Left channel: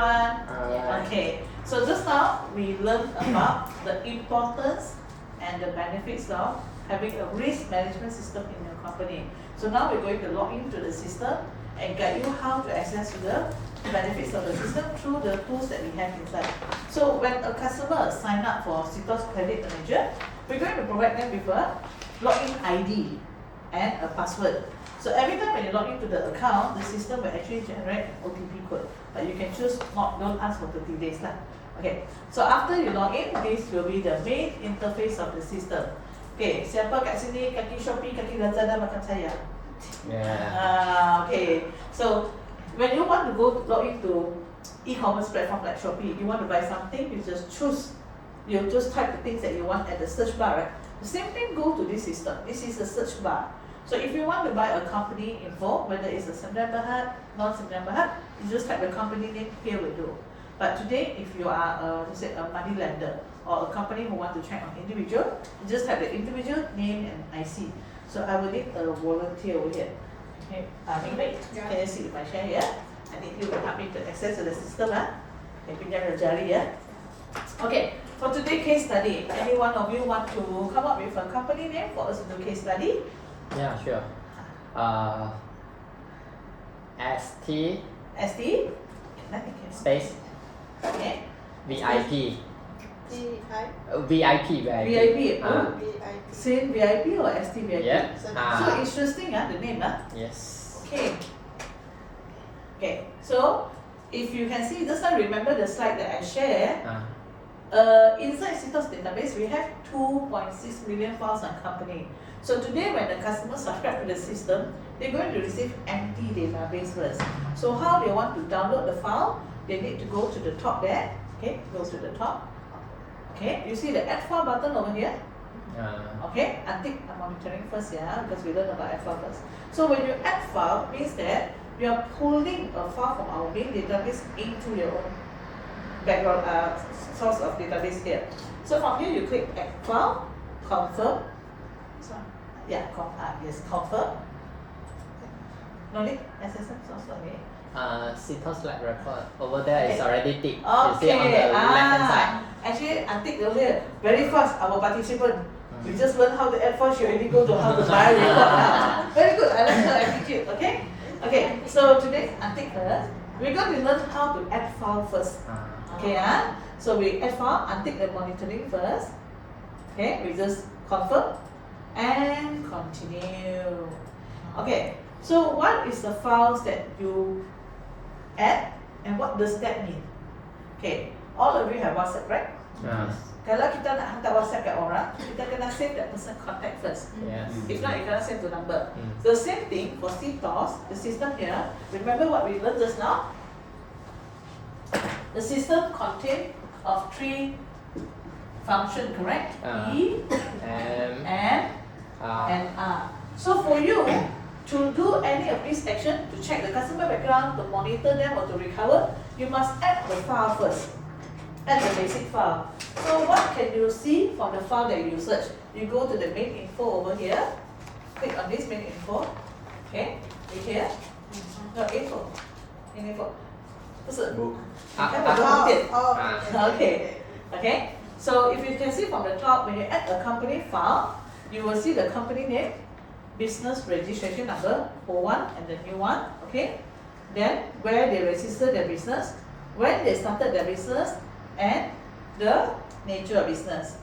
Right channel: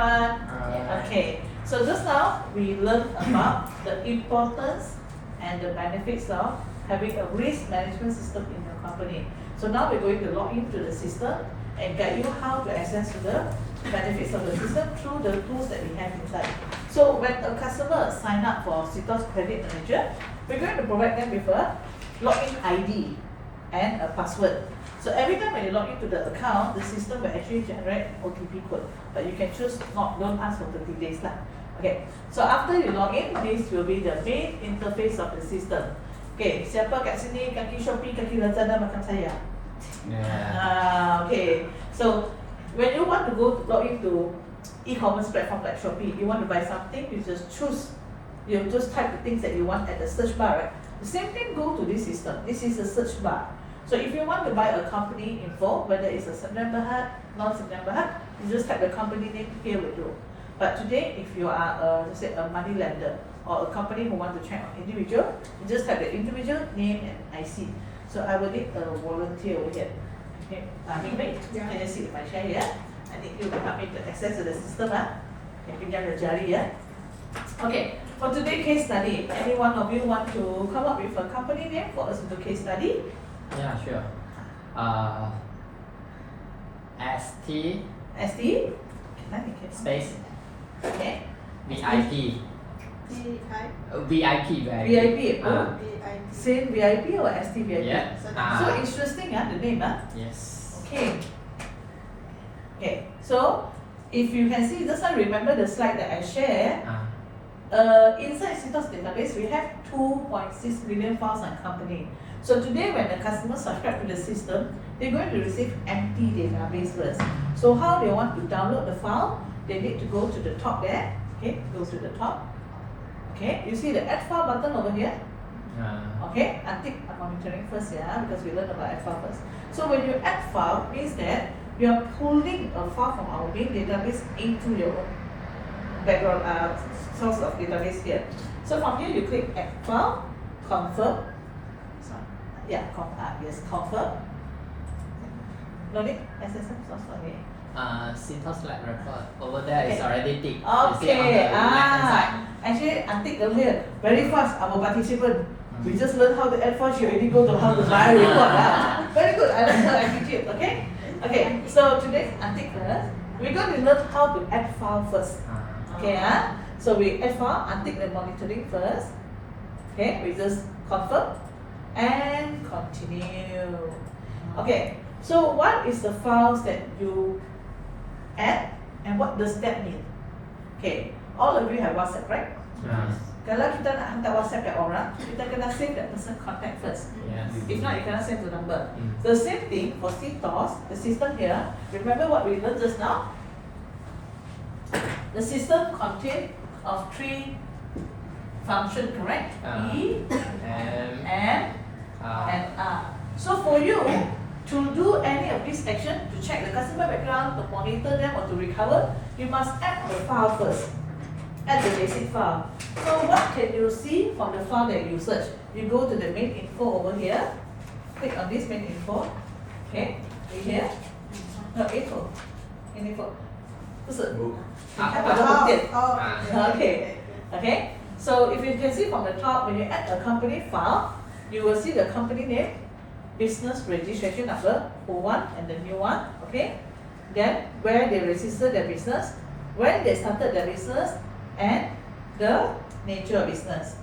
everyone. Alright. Okay, so just now we learned about the importance and the benefits of having a risk management system in your company. So now we're going to log into the system and guide you how to access the benefits of the system through the tools that we have inside. So when a customer sign up for Citos Credit Manager, we're going to provide them with a login ID and a password. So every time when you log into the account, the system will actually generate OTP code. But you can choose don't ask for 30 days lah. Okay, so after you log in, this will be the main interface of the system. Okay, siapa kat sini kaki Shopee, kaki Lazada macam saya? Yeah. Okay, so when you want to log into e-commerce platform like Shopee, you want to buy something, you just type the things that you want at the search bar, right? The same thing go to this system. This is the search bar. So if you want to buy a company info, whether it's a Sdn Bhd, non-Sdn Bhd, you just type the company name here will do. But today, if you are let's say a money lender or a company who want to check on individual, you just type the individual name and IC. So I will need a volunteer over here. Okay, Yeah. can you see my share here? I need you to help me to access to the system. Okay, pinjam the jari ya. Okay, for today's case study, any one of you want to come up with a company name for us to do case study? Yeah, sure. ST ST? space Okay. VIP. DI. VIP. VIP. Oh, DIT. same VIP or ST VIP? Yeah. So interesting, the name. Yes. Okay. Okay, so if you can see, just now remember the slide that I shared. Inside Citos database, we have 2.6 million files on company. So today, when the customer subscribe to the system, they're going to receive empty database first. So how they want to download the file, they need to go to the top there. Okay, go to the top. Okay, you see the add file button over here. Okay, I think I'm monitoring first, because we learned about add file first. So when you add file, means that you are pulling a file from our main database into your own background source of database here. So from here, you click add file, confirm. Confirm. No need SSM source only. Citos Lab Record over there is already ticked. Okay. You see on the left-hand side. Actually, I think over here very fast. Our participant, we just learn how to add file. She already go to how to buy record. Very good. I like her attitude. Okay. Okay. So today, I think first we're going to learn how to add file first. Okay. So we add file. I take the monitoring first. Okay. We just confirm and continue. Okay. So what is the files that you add and what does that mean? Okay, all of you have WhatsApp, right? Kalau kita nak hantar WhatsApp ke orang, kita kena save that person contact first. Yes. If not, you cannot send the number. The same thing for Citos, the system here. Remember what we learned just now? The system contains of 3 functions, correct? E, M, M, and R. So for you to do any of these action, to check the customer background, to monitor them or to recover, you must add the file first. Add the basic file. So what can you see from the file that you search? You go to the main info over here. Click on this main info. Okay, here. No, info. In info. 不是 Okay. Okay. So if you can see from the top, when you add a company file, you will see the company name, business registration number for one and the new one. Okay. Then where they register their business, when they started their business, and the nature of business.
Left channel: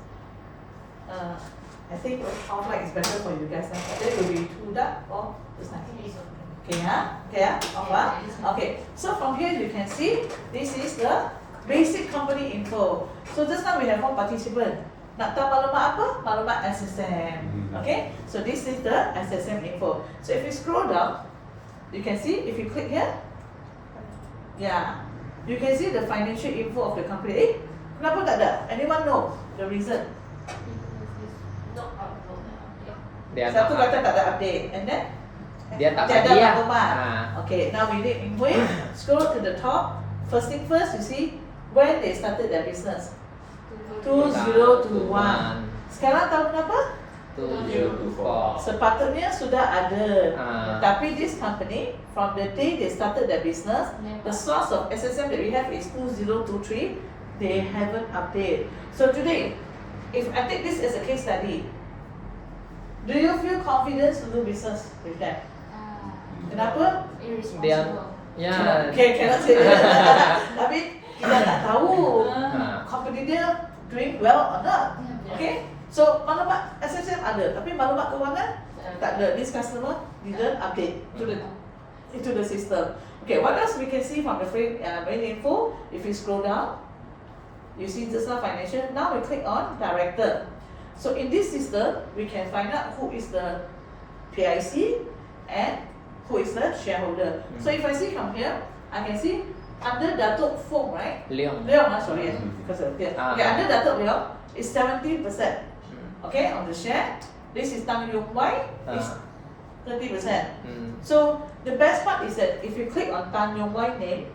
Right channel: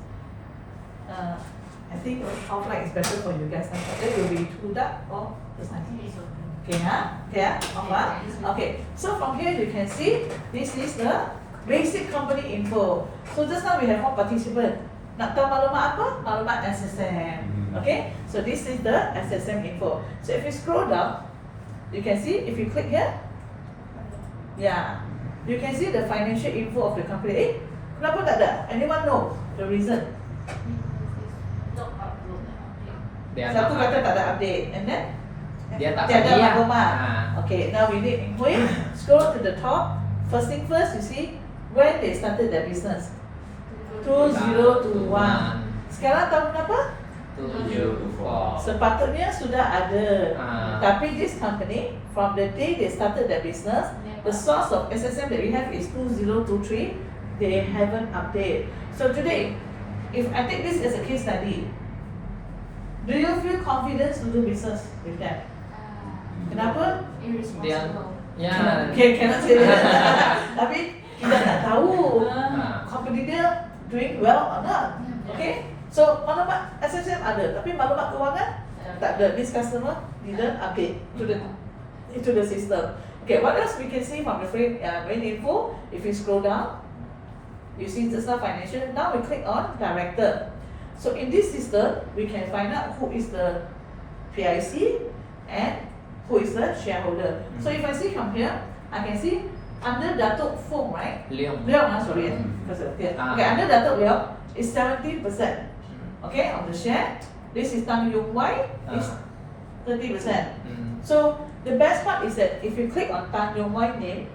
I think offline is better for you guys. That will be too dark or just nice. Okay, Okay. So from here you can see this is the basic company info. So just now we have 1 participant. Nak tahu maklumat apa? Maklumat SSM. Okay. So this is the SSM info. So if you scroll down, you can see if you click here, you can see the financial info of the company. Kenapa tak ada? Anyone know the reason? Satu kata tak ada update, and then tiada maklumat. Okay, now we need info. Scroll to the top. First thing first, you see when they started their business. 2021. Sekarang tahu kenapa? 2024. Sepatutnya sudah ada. Ah. Tapi this company, from the day they started their business, the source of SSM that we have is 2023. They haven't updated. So today, if I take this as a case study, do you feel confident to do business with them? Kenapa? Irresponsible. Ya. Okay, cannot say that. Tapi kita tak tahu Ah. company dia doing well or not. Okay? So maklumat SSM ada, tapi maklumat kewangan tak ada. This customer didn't update to the system. Okay, what else we can see from the main info? If we scroll down, you see just now financial. Now we click on director. So in this system, we can find out who is the PIC and who is the shareholder. So if I see from here, I can see under Datuk Fong, right? Leong. Leong, sorry, because of here. Ah. Okay, under Datuk Leong is 17%. Okay, on the share. This is Tang Yung Wai is 30%. Hmm. So the best part is that if you click on Tan Yong Wai name,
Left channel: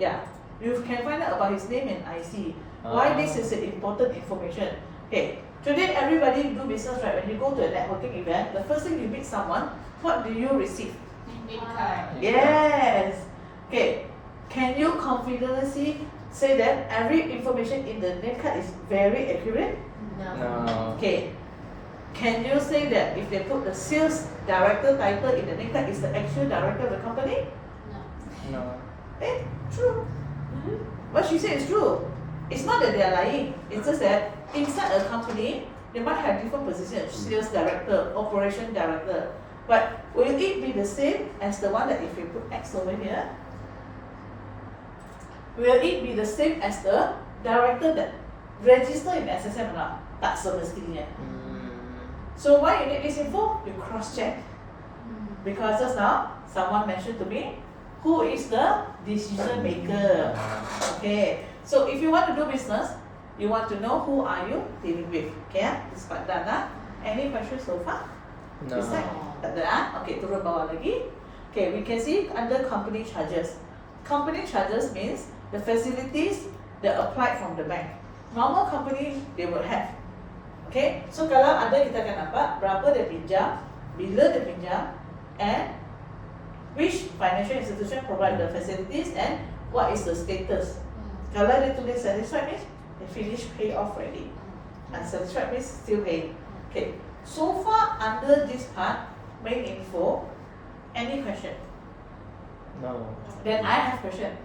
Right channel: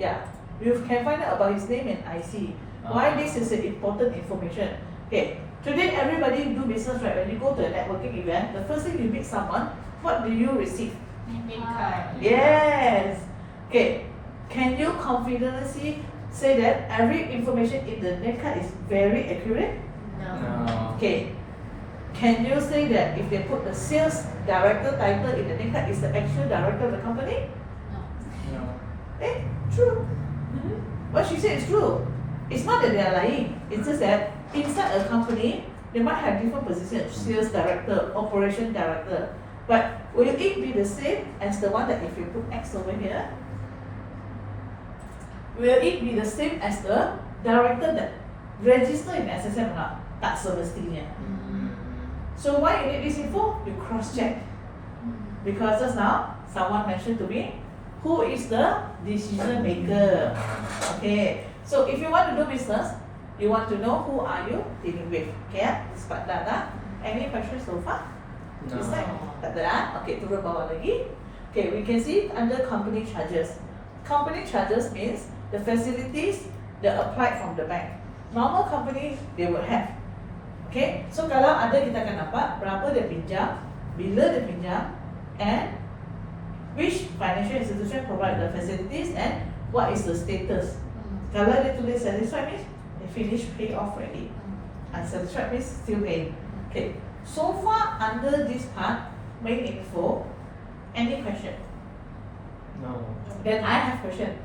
yeah, you can find out about his name and IC. Why this is an important information? Okay, today everybody do business, right? When you go to a networking event, the first thing you meet someone, what do you receive? Yes. Okay. Can you confidently say that every information in the name card is very accurate? No. Okay. Can you say that if they put the sales director title in the name card is the actual director of the company? No. Eh, true. What she said is true. It's not that they are lying. It's just that inside a company, they might have different positions. Sales director, operation director. But will it be the same as the one that if we put X over here? Will it be the same as the director that register in SSM or not? Tak semestinya. So why you need this info? You cross check. Because just now, someone mentioned to me, who is the decision maker? Okay. So if you want to do business, you want to know who are you dealing with. Okay, it's part data. Any questions so far? No. This side? Tak ada ah? Okay, turun bawah lagi. Okay, we can see under company charges. Company charges means the facilities that applied from the bank. Normal company, they will have. Okay, so kalau ada kita akan dapat berapa dia pinjam, bila dia pinjam, and which financial institution provide the facilities and what is the status. Kalau dia tulis satisfied means they finish pay off already. Unsatisfied means still paying. Okay, so far under this part, main info, any question? No. Then I have question.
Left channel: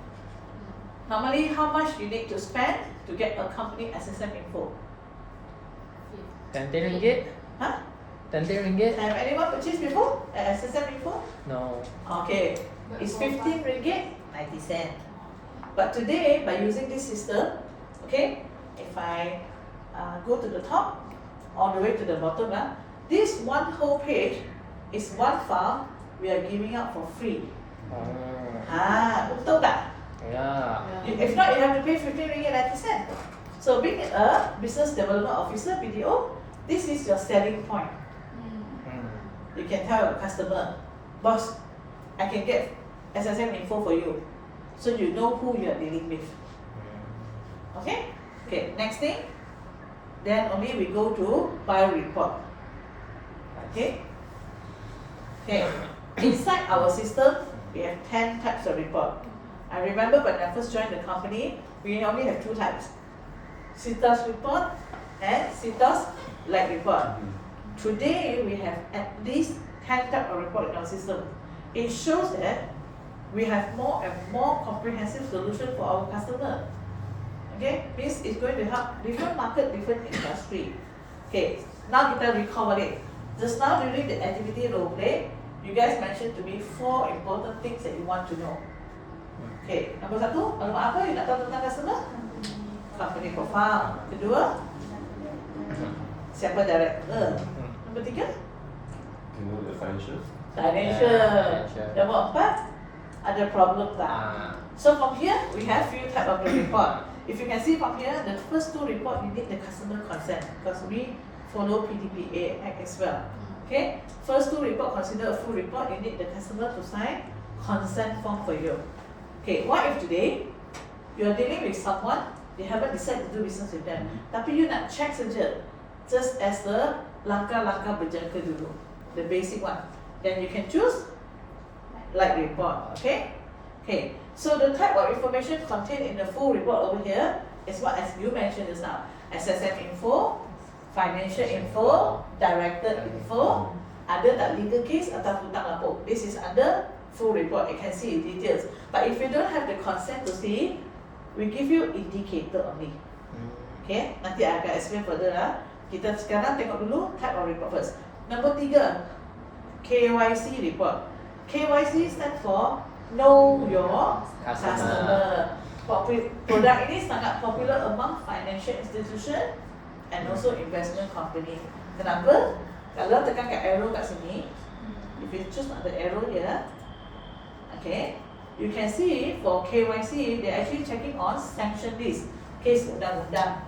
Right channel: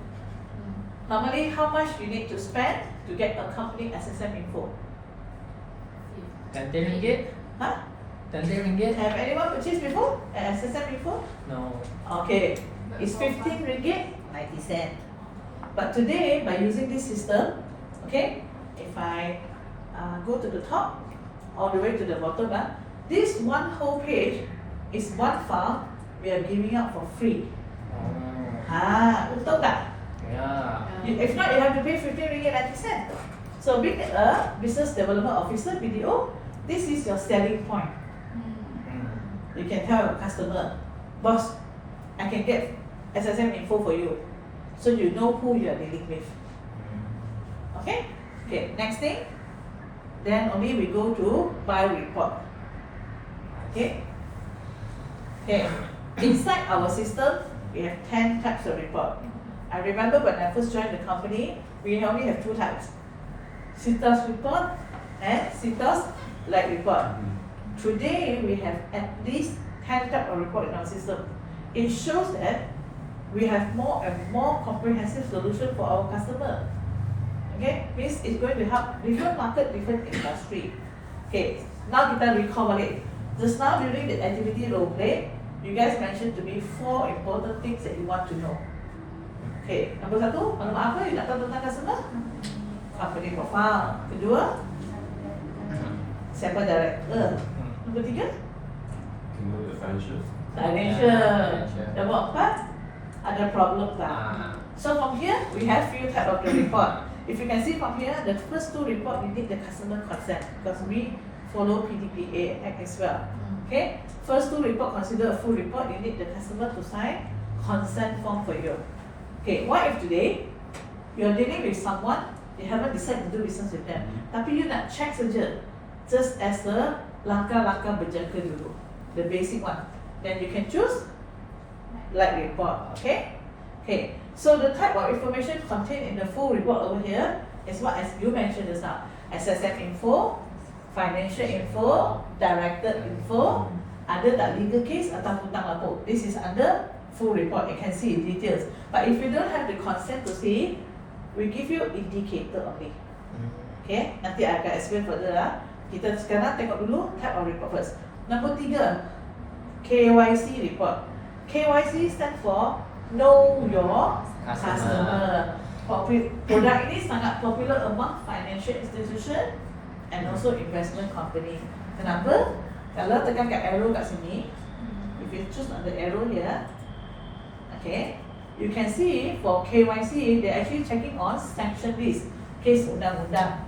Normally, how much you need to spend to get a company SSM info? 10 ringgit? Huh? 10 ringgit? Have anyone purchased before an SSM info? No. Okay, it's 15 ringgit 90 cent. But today, by using this system, okay, if I go to the top, all the way to the bottom, this one whole page is one file we are giving out for free. Betul tak? Yeah. If not, you have to pay 15 ringgit 90 cent. So being a business development officer, BDO, this is your selling point. You can tell your customer, boss, I can get SSM info for you, so you know who you are dealing with. Okay? Okay, next thing, then only we go to file report. Okay? Okay, inside our system, we have 10 types of report. I remember when I first joined the company, we only have 2 types. CITAS report and CITAS light report. Today, we have at least 10 types of report in our system. It shows that we have more and more comprehensive solution for our customer. Okay, means it's going to help different market, different industry. Okay, now kita recall balik. Just now during the activity role play, you guys mentioned to me 4 important things that you want to know. Okay, nombor 1, maklumat apa you nak tahu tentang customer? Company profile. Kedua, siapa director? Nombor 3, You know the financial. financial. Nombor 4, ada problem tak? So from here, we have few type of the report. If you can see from here, the first 2 report, you need the customer consent because we follow PDPA Act as well. Okay, first 2 report consider a full report. You need the customer to sign consent form for you. Okay, what if today you're dealing with someone, you haven't decided to do business with them, tapi you nak check saja, just as the langkah-langkah berjangka dulu, the basic one. Then you can choose light report. Okay. Okay. So the type of information contained in the full report over here is what as you mentioned just now: SSM info, financial info, director info, ada tak legal case atau hutang lapor. This is under full report. You can see details. But if you don't have the consent to see, we give you indicator only. Okay, nanti I akan explain further lah. Kita sekarang tengok dulu type of report first. Nombor 3, KYC report. KYC stand for Know Your Customer. Produk ini sangat popular among financial institution and also investment company. Kenapa? Kalau tekan kat arrow kat sini, if you choose the arrow here, okay, you can see for KYC they actually checking on sanction list, case undang-undang.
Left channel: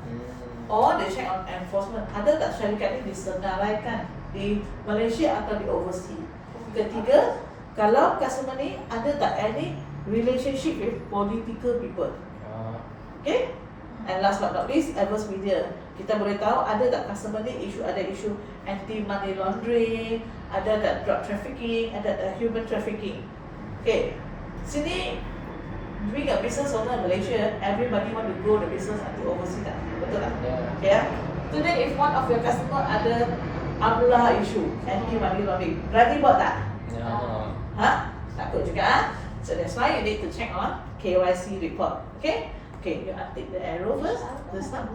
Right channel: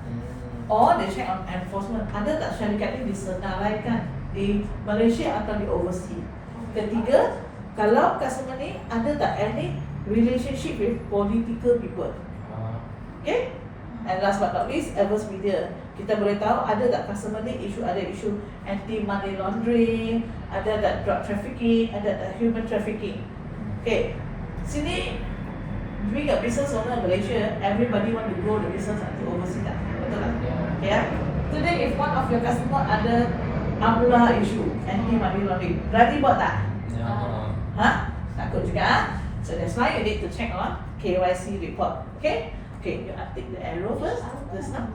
Or they check on enforcement. Ada tak syarikat ini disenaraikan di Malaysia atau di overseas? Ketiga, kalau customer ni ada tak any relationship with political people? Okay? And last but not least, adverse media. Kita boleh tahu ada tak customer ni ada isu anti money laundering, ada tak drug trafficking, ada tak human trafficking. Okay, sini being a business owner in Malaysia, everybody want to grow the business until overseas tak? Betul tak? Yeah. Today if one of your customer ada AMLA issue, anti money laundering, berani buat tak? Ha? Takut juga. So that's why you need to check on KYC report. Okay? Okay, you update the arrow first. The start.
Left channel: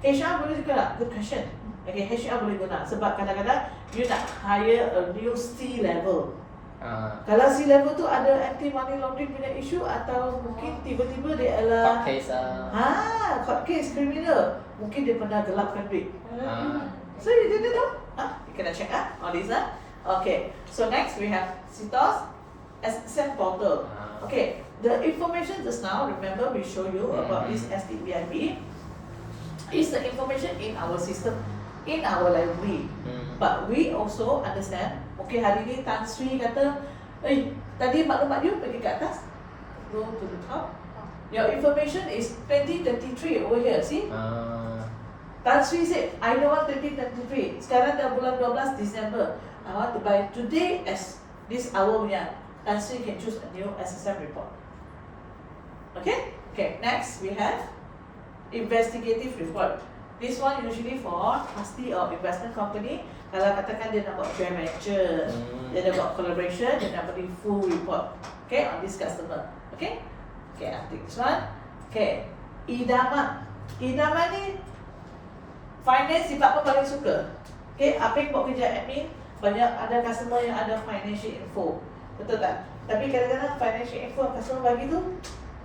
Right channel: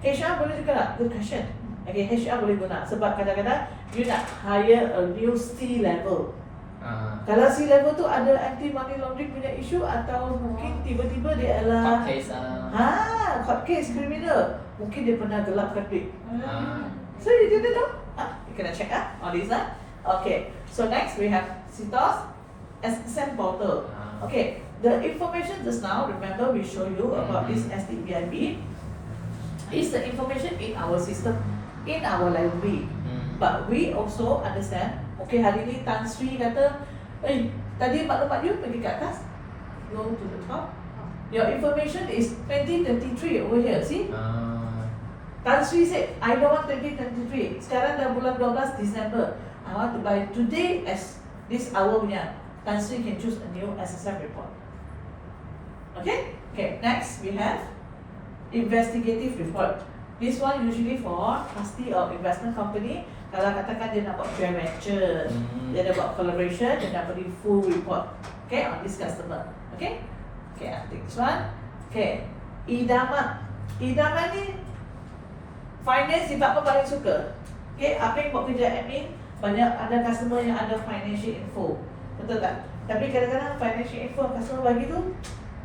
HR boleh juga. Good question. Okay, HR boleh guna sebab kadang-kadang you nak hire a new C level. Kalau C level tu ada anti money laundering punya isu atau mungkin tiba-tiba dia adalah court case criminal. Mungkin dia pernah gelapkan duit. So you didn't know? You kena check all these Okay, so next we have CITOS SSM portal. Okay, the information just now, remember we show you about this SDBIB, is the information in our system, in our library. But we also understand, mungkin hari ni Tan Sri kata, tadi maklumat you pergi ke atas, go to the top. Your information is 2023 over here, see? Tan Sri said, I don't want 2023. Sekarang dah bulan 12 Disember. I want to buy today as this hour punya. Tan Sri can choose a new SSM report. Okay? Okay, next we have investigative report. This one usually for trustee or investment company. Kalau katakan dia nak buat joint venture, dia nak buat collaboration, dia nak beri full report. Okay, on this customer. Okay? Okay, I take this one. Okay, idaman. Idaman ni finance department paling suka. Okay, apa yang buat kerja admin, banyak ada customer yang ada financial info. Betul tak? Tapi kadang-kadang financial info customer bagi tu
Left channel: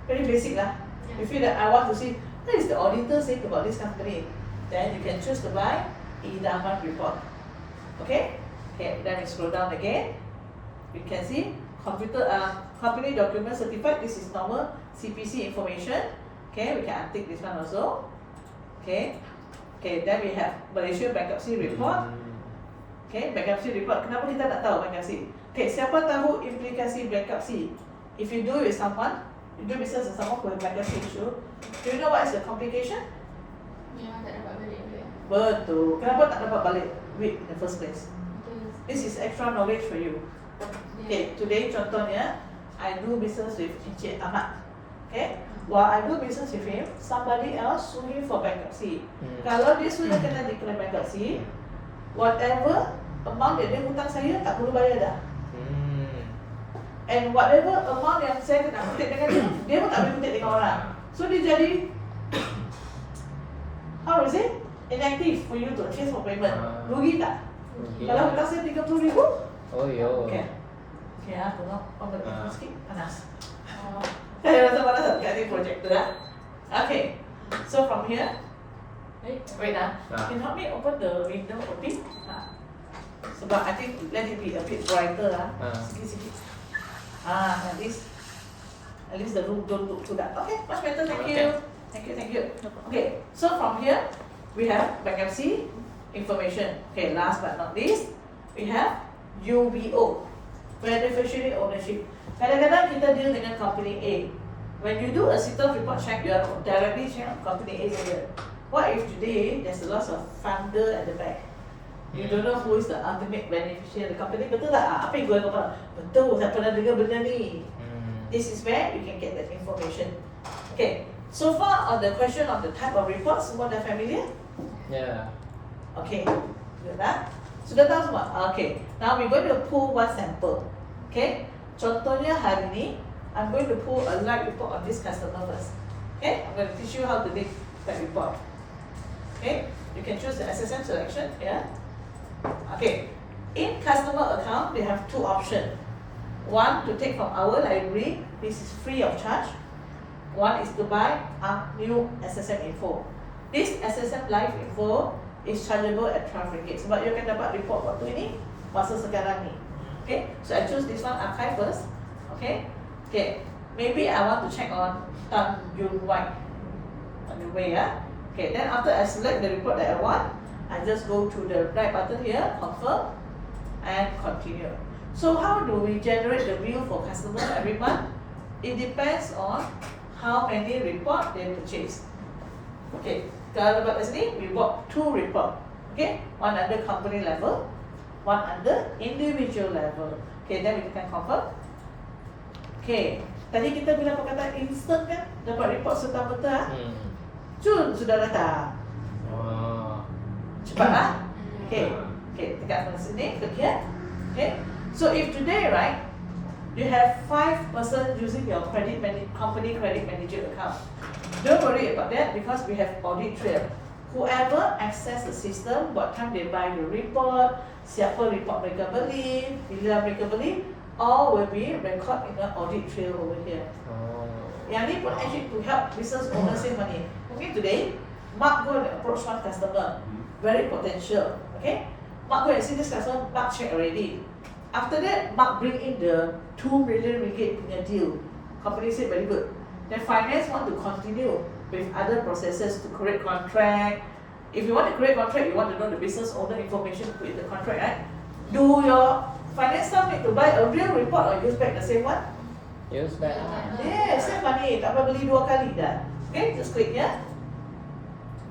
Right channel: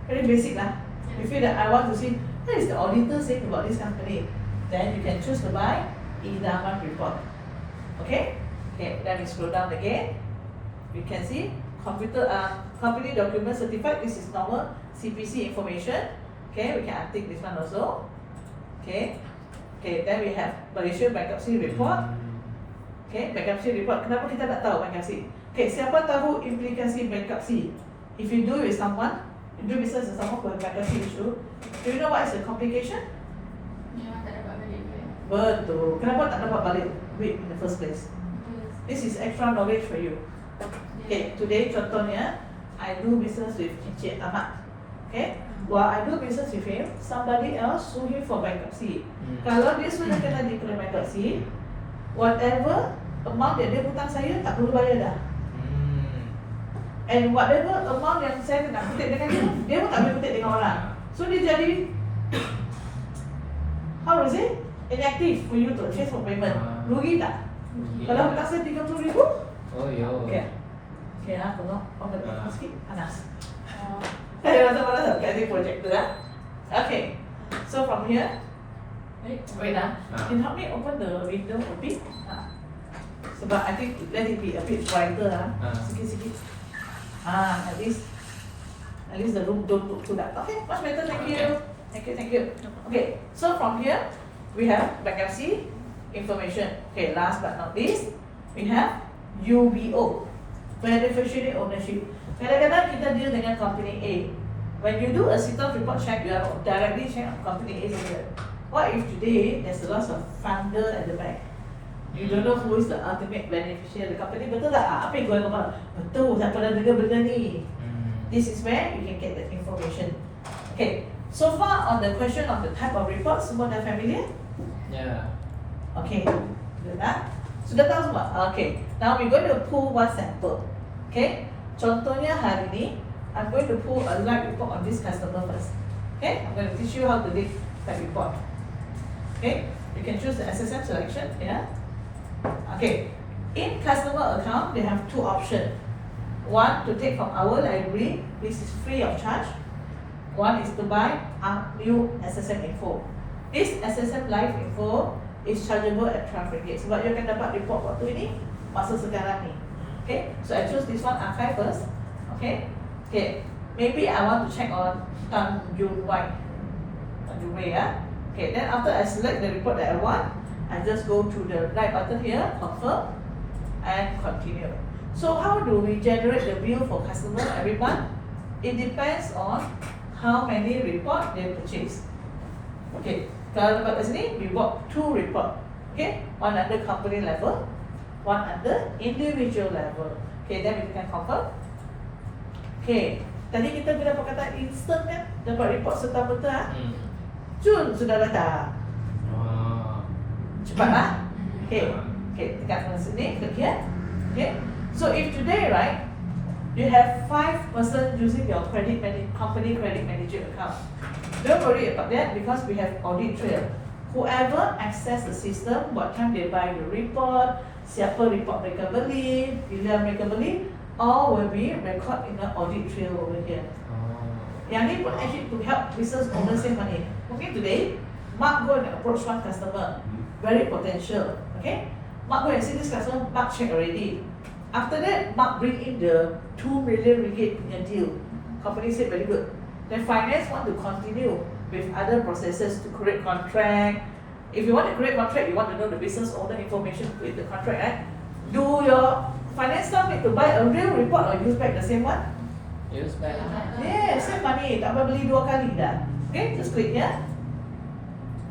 very basic lah. You feel that I want to see what is the auditor saying about this company, then you can choose to buy idaman report. Okay? Okay, then we scroll down again. You can see company document certified. This is normal CPC information. Okay, we can untick this one also. Okay. Okay, then we have Malaysia bankruptcy report. Okay, bankruptcy report. Kenapa kita tak tahu bankruptcy? Okay, siapa tahu implikasi bankruptcy? If you do with someone, you do business with someone who has bankruptcy issue, do you know what is the complication? Tak dapat balik duit. Betul. Kenapa tak dapat balik duit in the first place? This is extra knowledge for you. Okay, today contohnya, I do business with Encik Ahmad. Okay, while I do business with him, somebody else sue him for bankruptcy. Kalau dia sudah kena declare bankruptcy, whatever amount that dia hutang saya tak perlu bayar dah. And whatever amount yang saya nak kutip dengan dia pun tak boleh kutip dengan orang. So dia jadi how is it? Inactive for you to chase for payment. Rugi tak? Kalau hutang saya 30,000? Oh yo. Okay. Okay lah, tengok. Oh, bagi sikit panas. Saya rasa panas tak kat projector lah. Okay. So from here, wait lah. Can you help me open the window a bit? Sebab I think let it be a bit brighter lah. Sikit-sikit. At least the room don't look too dark. Okay, much better. Thank you. Thank you. Okay, so from here we have bankruptcy information. Okay, last but not least, we have UBO, beneficiary ownership. Kadang-kadang kita deal dengan company A. When you do a CITOS report check, you are directly check on company A saja. What if today there's a loss of funder at the back? You don't know who is the ultimate beneficiary of the company. Betul tak? Apa yang going on? Betul, tak pernah dengar benda ni. This is where you can get that information. Okay, so far on the question of the type of report, semua dah familiar? Yeah. Okay, good tak? Sudah tahu semua? Okay, now we're going to pull one sample. Okay, contohnya hari ni, I'm going to pull a live report on this customer first. Okay, I'm going to teach you how to make that report. Okay, you can choose the SSM selection, yeah? Okay, in customer account, they have two options. One, to take from our library, this is free of charge. One is to buy a new SSM info. This SSM live info is chargeable at 12 ringgit. Sebab you akan dapat report waktu ini, masa sekarang ni. Okay, so I choose this one, archive first. Okay, okay, maybe I want to check on Tanjung Wai. Tanjung Wai, yeah? Okay, then after I select the report that I want, I just go to the right button here, confirm, and continue. So how do we generate the bill for customer every month? It depends on how many report they purchase. Okay, kalau dapat kat sini, we bought 2 report. Okay, one under company level, one under individual level. Okay, then we can confirm. Okay, tadi kita bila perkataan instant kan, dapat report serta-merta. Jun sudah datang. Cepat lah. Okay, okay, tekan pada sini, klik here. Okay, so if today, right, you have 5 person using your company credit manager account. Don't worry about that because we have audit trail. Whoever access the system, what time they buy the report, siapa report mereka beli, bila mereka beli, all will be record in the audit trail over here. Yang ni pun actually to help business owners save money. Mungkin today, Mark go and approach one customer, very potential. Okay, Mark go and see this customer, Mark check already. After that, Mark bring in the 2 million ringgit punya deal. Company said very good. Then finance want to continue with other processes to create contract. If you want to create contract, you want to know the business owner information to put in the contract, right? Do your finance staff need to buy a real report or use back the same one? Use back. Yeah, save money. Tak payah beli 2 kali dah. Okay, just click here.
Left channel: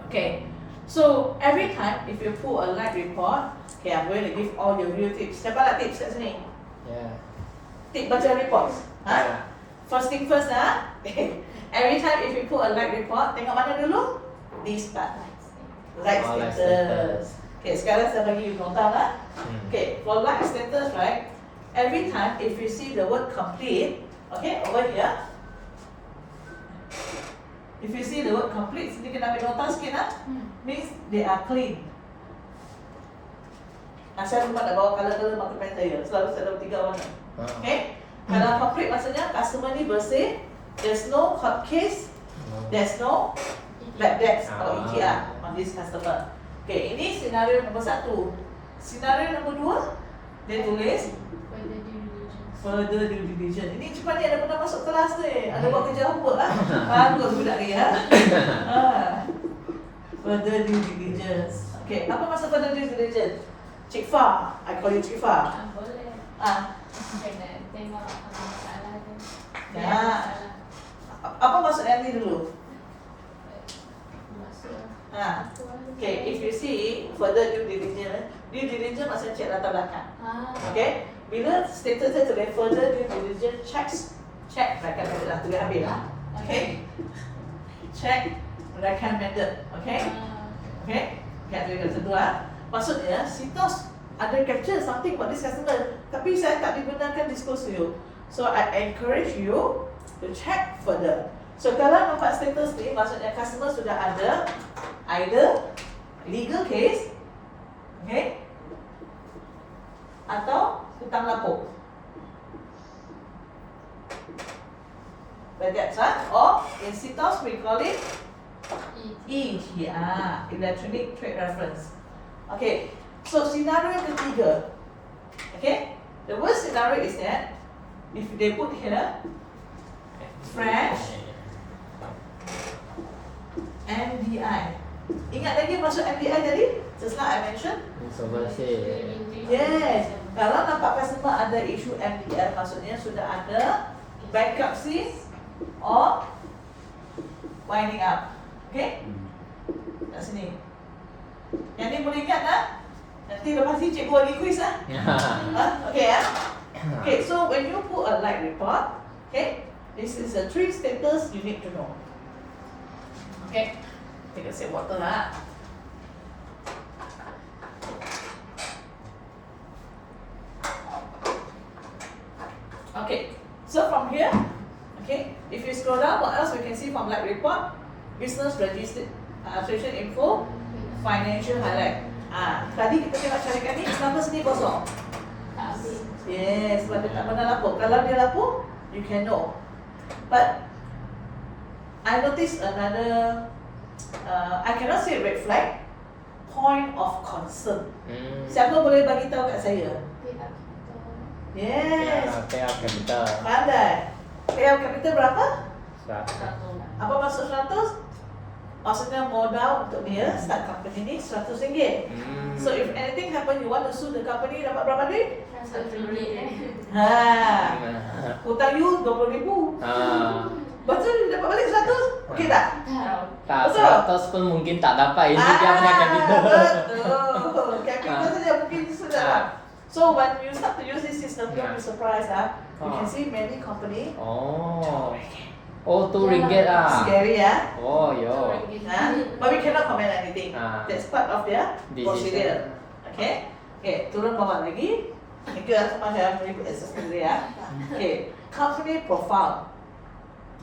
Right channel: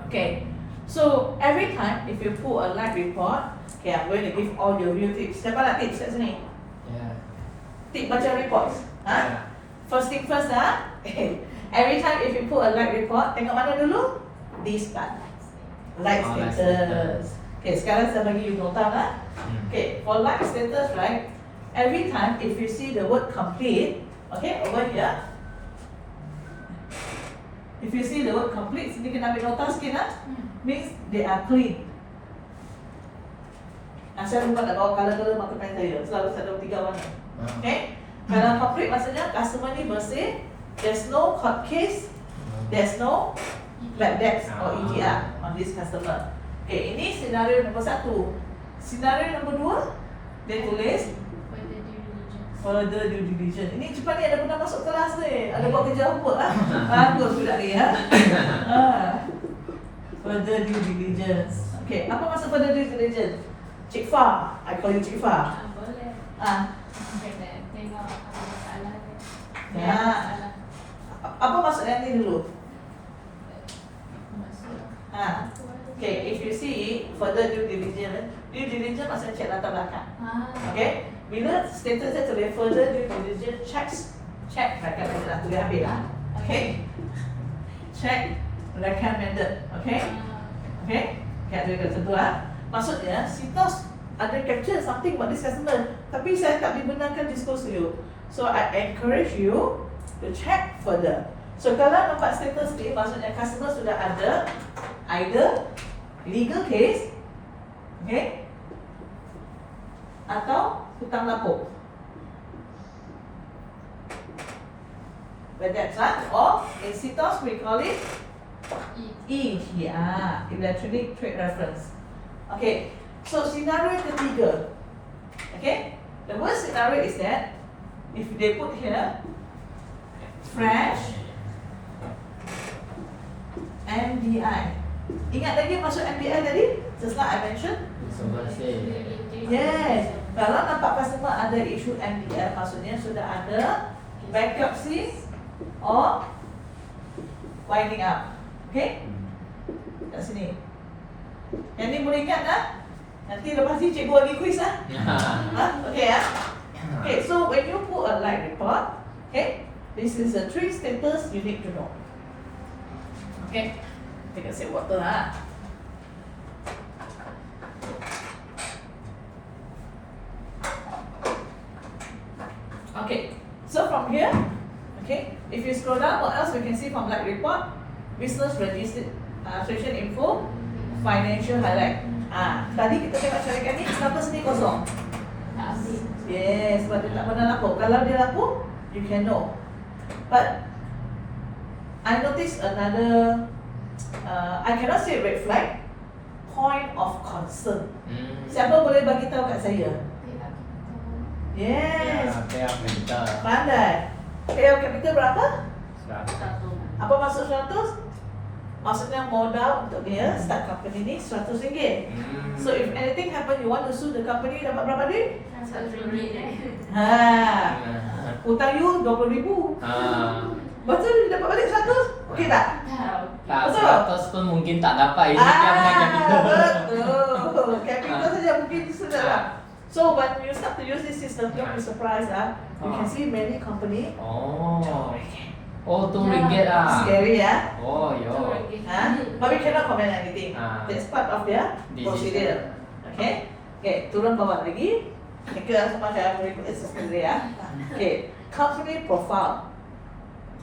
Okay, so every time if you pull a live report, okay, I'm going to give all your real tips. Siapa nak tips kat sini? Yeah. Tip baca reports. Ha? First thing first lah. Every time if you pull a live report, tengok mana dulu? This part. Like status. Okay, sekarang saya bagi you nota lah. Okay, for like status, right? Every time if you see the word complete, okay, over here. If you see the word complete, sini kena ambil nota sikit lah. Means they are clean. Saya lupa nak bawa color marker pen saya. Selalu saya ada 3 warna. Okay? Kalau complete maksudnya customer ni bersih, there's no hot case, there's no bad debts or EGR on this customer. Okay, ini senario nombor 1. Senario nombor 2, dia tulis further due diligence. Ini cepat ni ada pernah masuk kelas ni. Ada buat kerja homework lah. Bagus budak ni ya. Further due diligence. Okay, apa maksud further due diligence? Cik Fah, I call you Cik Fah. Boleh. Kena tengok kalau masalah kan. Nah. Apa maksud yang ni dulu? Masuk. Okay, if you see further due diligence maksudnya cek latar belakang. Okay, bila statusnya tulis further due diligence checks, check recommended, tulis habis lah. Okay, check recommended. Okay, okay, dia kata dua. Maksudnya, Sitos ada capture something about this customer, tapi saya tak dibenarkan disclose to you. So I encourage you to check further. So kalau nampak status ni, maksudnya customer sudah ada either legal case, okay, atau hutang lapor. But that's right. Or in Sitos we call it ETR, Electronic Trade Reference. Okay, so scenario ketiga. Okay, the worst scenario is that if they put here fresh MDI. Ingat lagi maksud MDI tadi? Just like I mentioned. Yes. Kalau nampak customer ada isu MDI, maksudnya sudah ada bankruptcy or winding up. Okay? Kat sini. Yang ni boleh ingat tak? Nanti lepas ni cikgu bagi quiz lah. Okay ya. Okay, so when you put a like report, okay, this is the 3 status you need to know. Okay, take a sip water lah. Okay, so from here, okay, if you scroll down, what else we can see from like report? Business registration info, financial highlight. Tadi kita tengok carikan ni, status ni kosong. Yes, sebab dia tak pernah lapor. Kalau dia lapor, you can know. But I noticed another, I cannot say red flag, point of concern. Siapa boleh bagi tahu kat saya? Yes, Payout capital. pandai. Payout capital berapa? Berapa? Apa maksud 100? Maksudnya modal untuk dia start company ni RM100. So if anything happen, you want to sue the company, dapat berapa duit? Ha, hutang you RM20,000. Betul dia dapat balik 100? Okey tak? Tak, Betul? 100 pun mungkin tak dapat. Ini dia punya capital. Betul. Capital saja mungkin sudah lah. So when you start to use this system, don't be surprised you can see many company. Oh, RM2 lah. Scary ya. Oh, yo. But we cannot comment anything. That's part of their This is procedure. Okay. Okay, turun bawah lagi. Tiga sama saya berikut sendiri ya. Okay, company profile.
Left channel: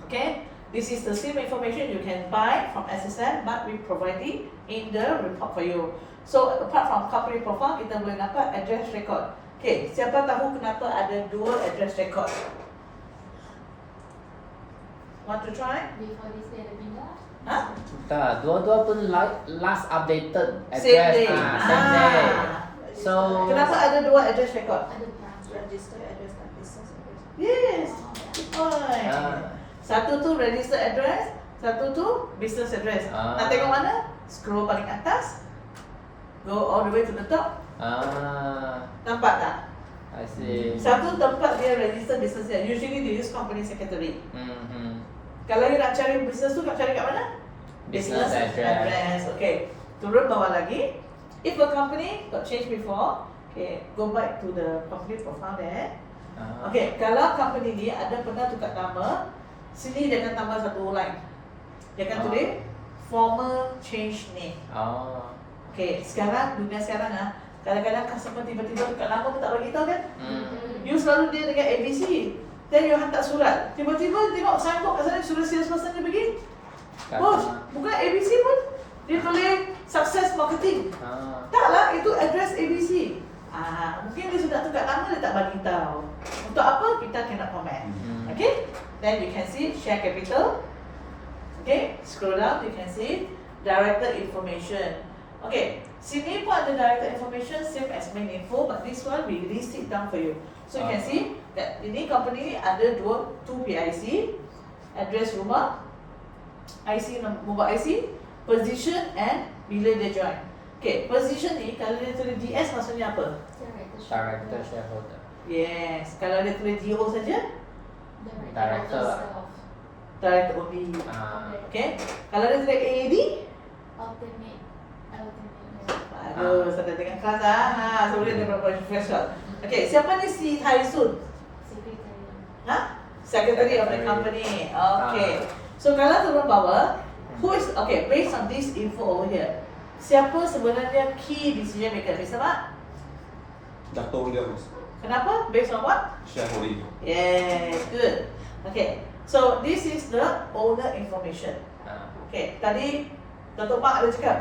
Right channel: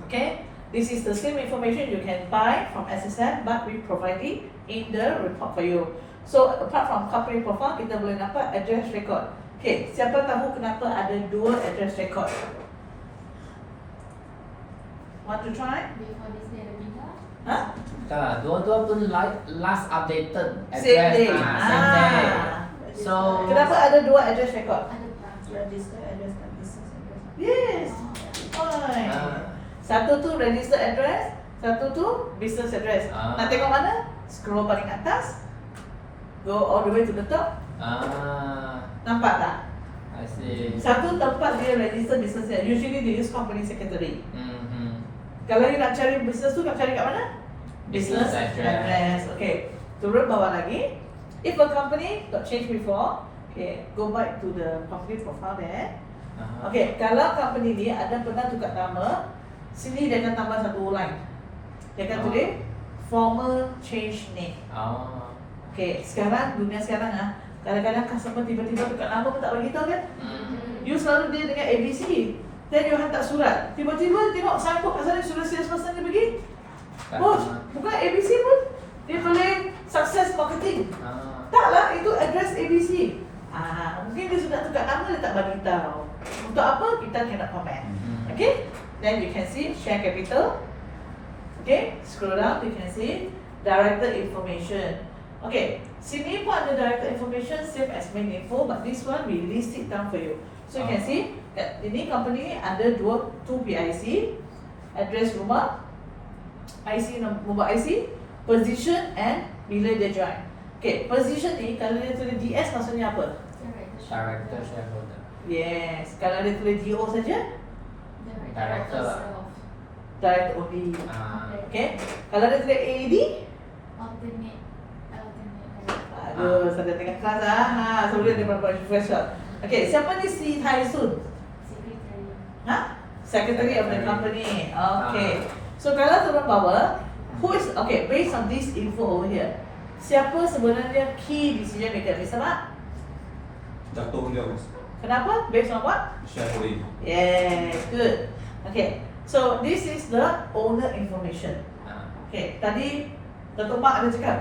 Okay, this is the same information you can buy from SSM, but we providing in the report for you. So apart from company profile, kita boleh dapat address record. Okay, siapa tahu kenapa ada 2 address record? Want to try? Huh? Tak, dua-dua pun last updated address. Same day. Same day. So, Kenapa ada 2 address record? Register address dan business address. Yes. Fine. Satu tu register address, satu tu business address. Nak tengok mana? Scroll paling atas. Go all the way to the top. Nampak tak? I see. Satu tempat dia register business dia. Usually they use company secretary. Kalau you nak cari business tu, nak cari kat mana? Business address. Okay. Turun bawah lagi. If a company got changed before, okay, go back to the company profile there. Okay, kalau company ni ada pernah tukar nama, sini dia akan tambah satu line. Dia akan tulis former change name. Okay, sekarang dunia sekarang kadang-kadang customer tiba-tiba tukar nama pun tak bagi tahu kan? You selalu dia dengan ABC. Then you hantar surat. Tiba-tiba tengok signboard kat sana surat salesperson dia pergi. Bos, bukan ABC pun. Dia tulis success marketing. Taklah, itu address ABC. Mungkin dia sudah tukar nama, dia tak bagi tahu. Untuk apa? Kita cannot comment. Okay? Then you can see share capital. Okay? Scroll down, you can see director information. Okay, sini pun ada director information same as main info, but this one we list it down for you. So you can see that ini company ni ada 2 PIC, address rumah, IC mobile IC, position and bila dia join. Okay, position ni kalau dia tulis DS maksudnya apa? Director shareholder. Yes, kalau dia tulis DO saja, Director. director OB. Okay, kalau dia tulis AAD, aduh, saya tengah kelas so dia ada professional. Okay, siapa ni si Haisun? Secretary of the company. Okay. So kalau turun bawah, who is okay? Based on this info over here, siapa sebenarnya key decision maker? Bisa tak? Jatuh dia bos. Kenapa? Based on what? Shareholding. Yes, good. Okay. So this is the owner information. Okay. Tadi Dato' Mak ada cakap,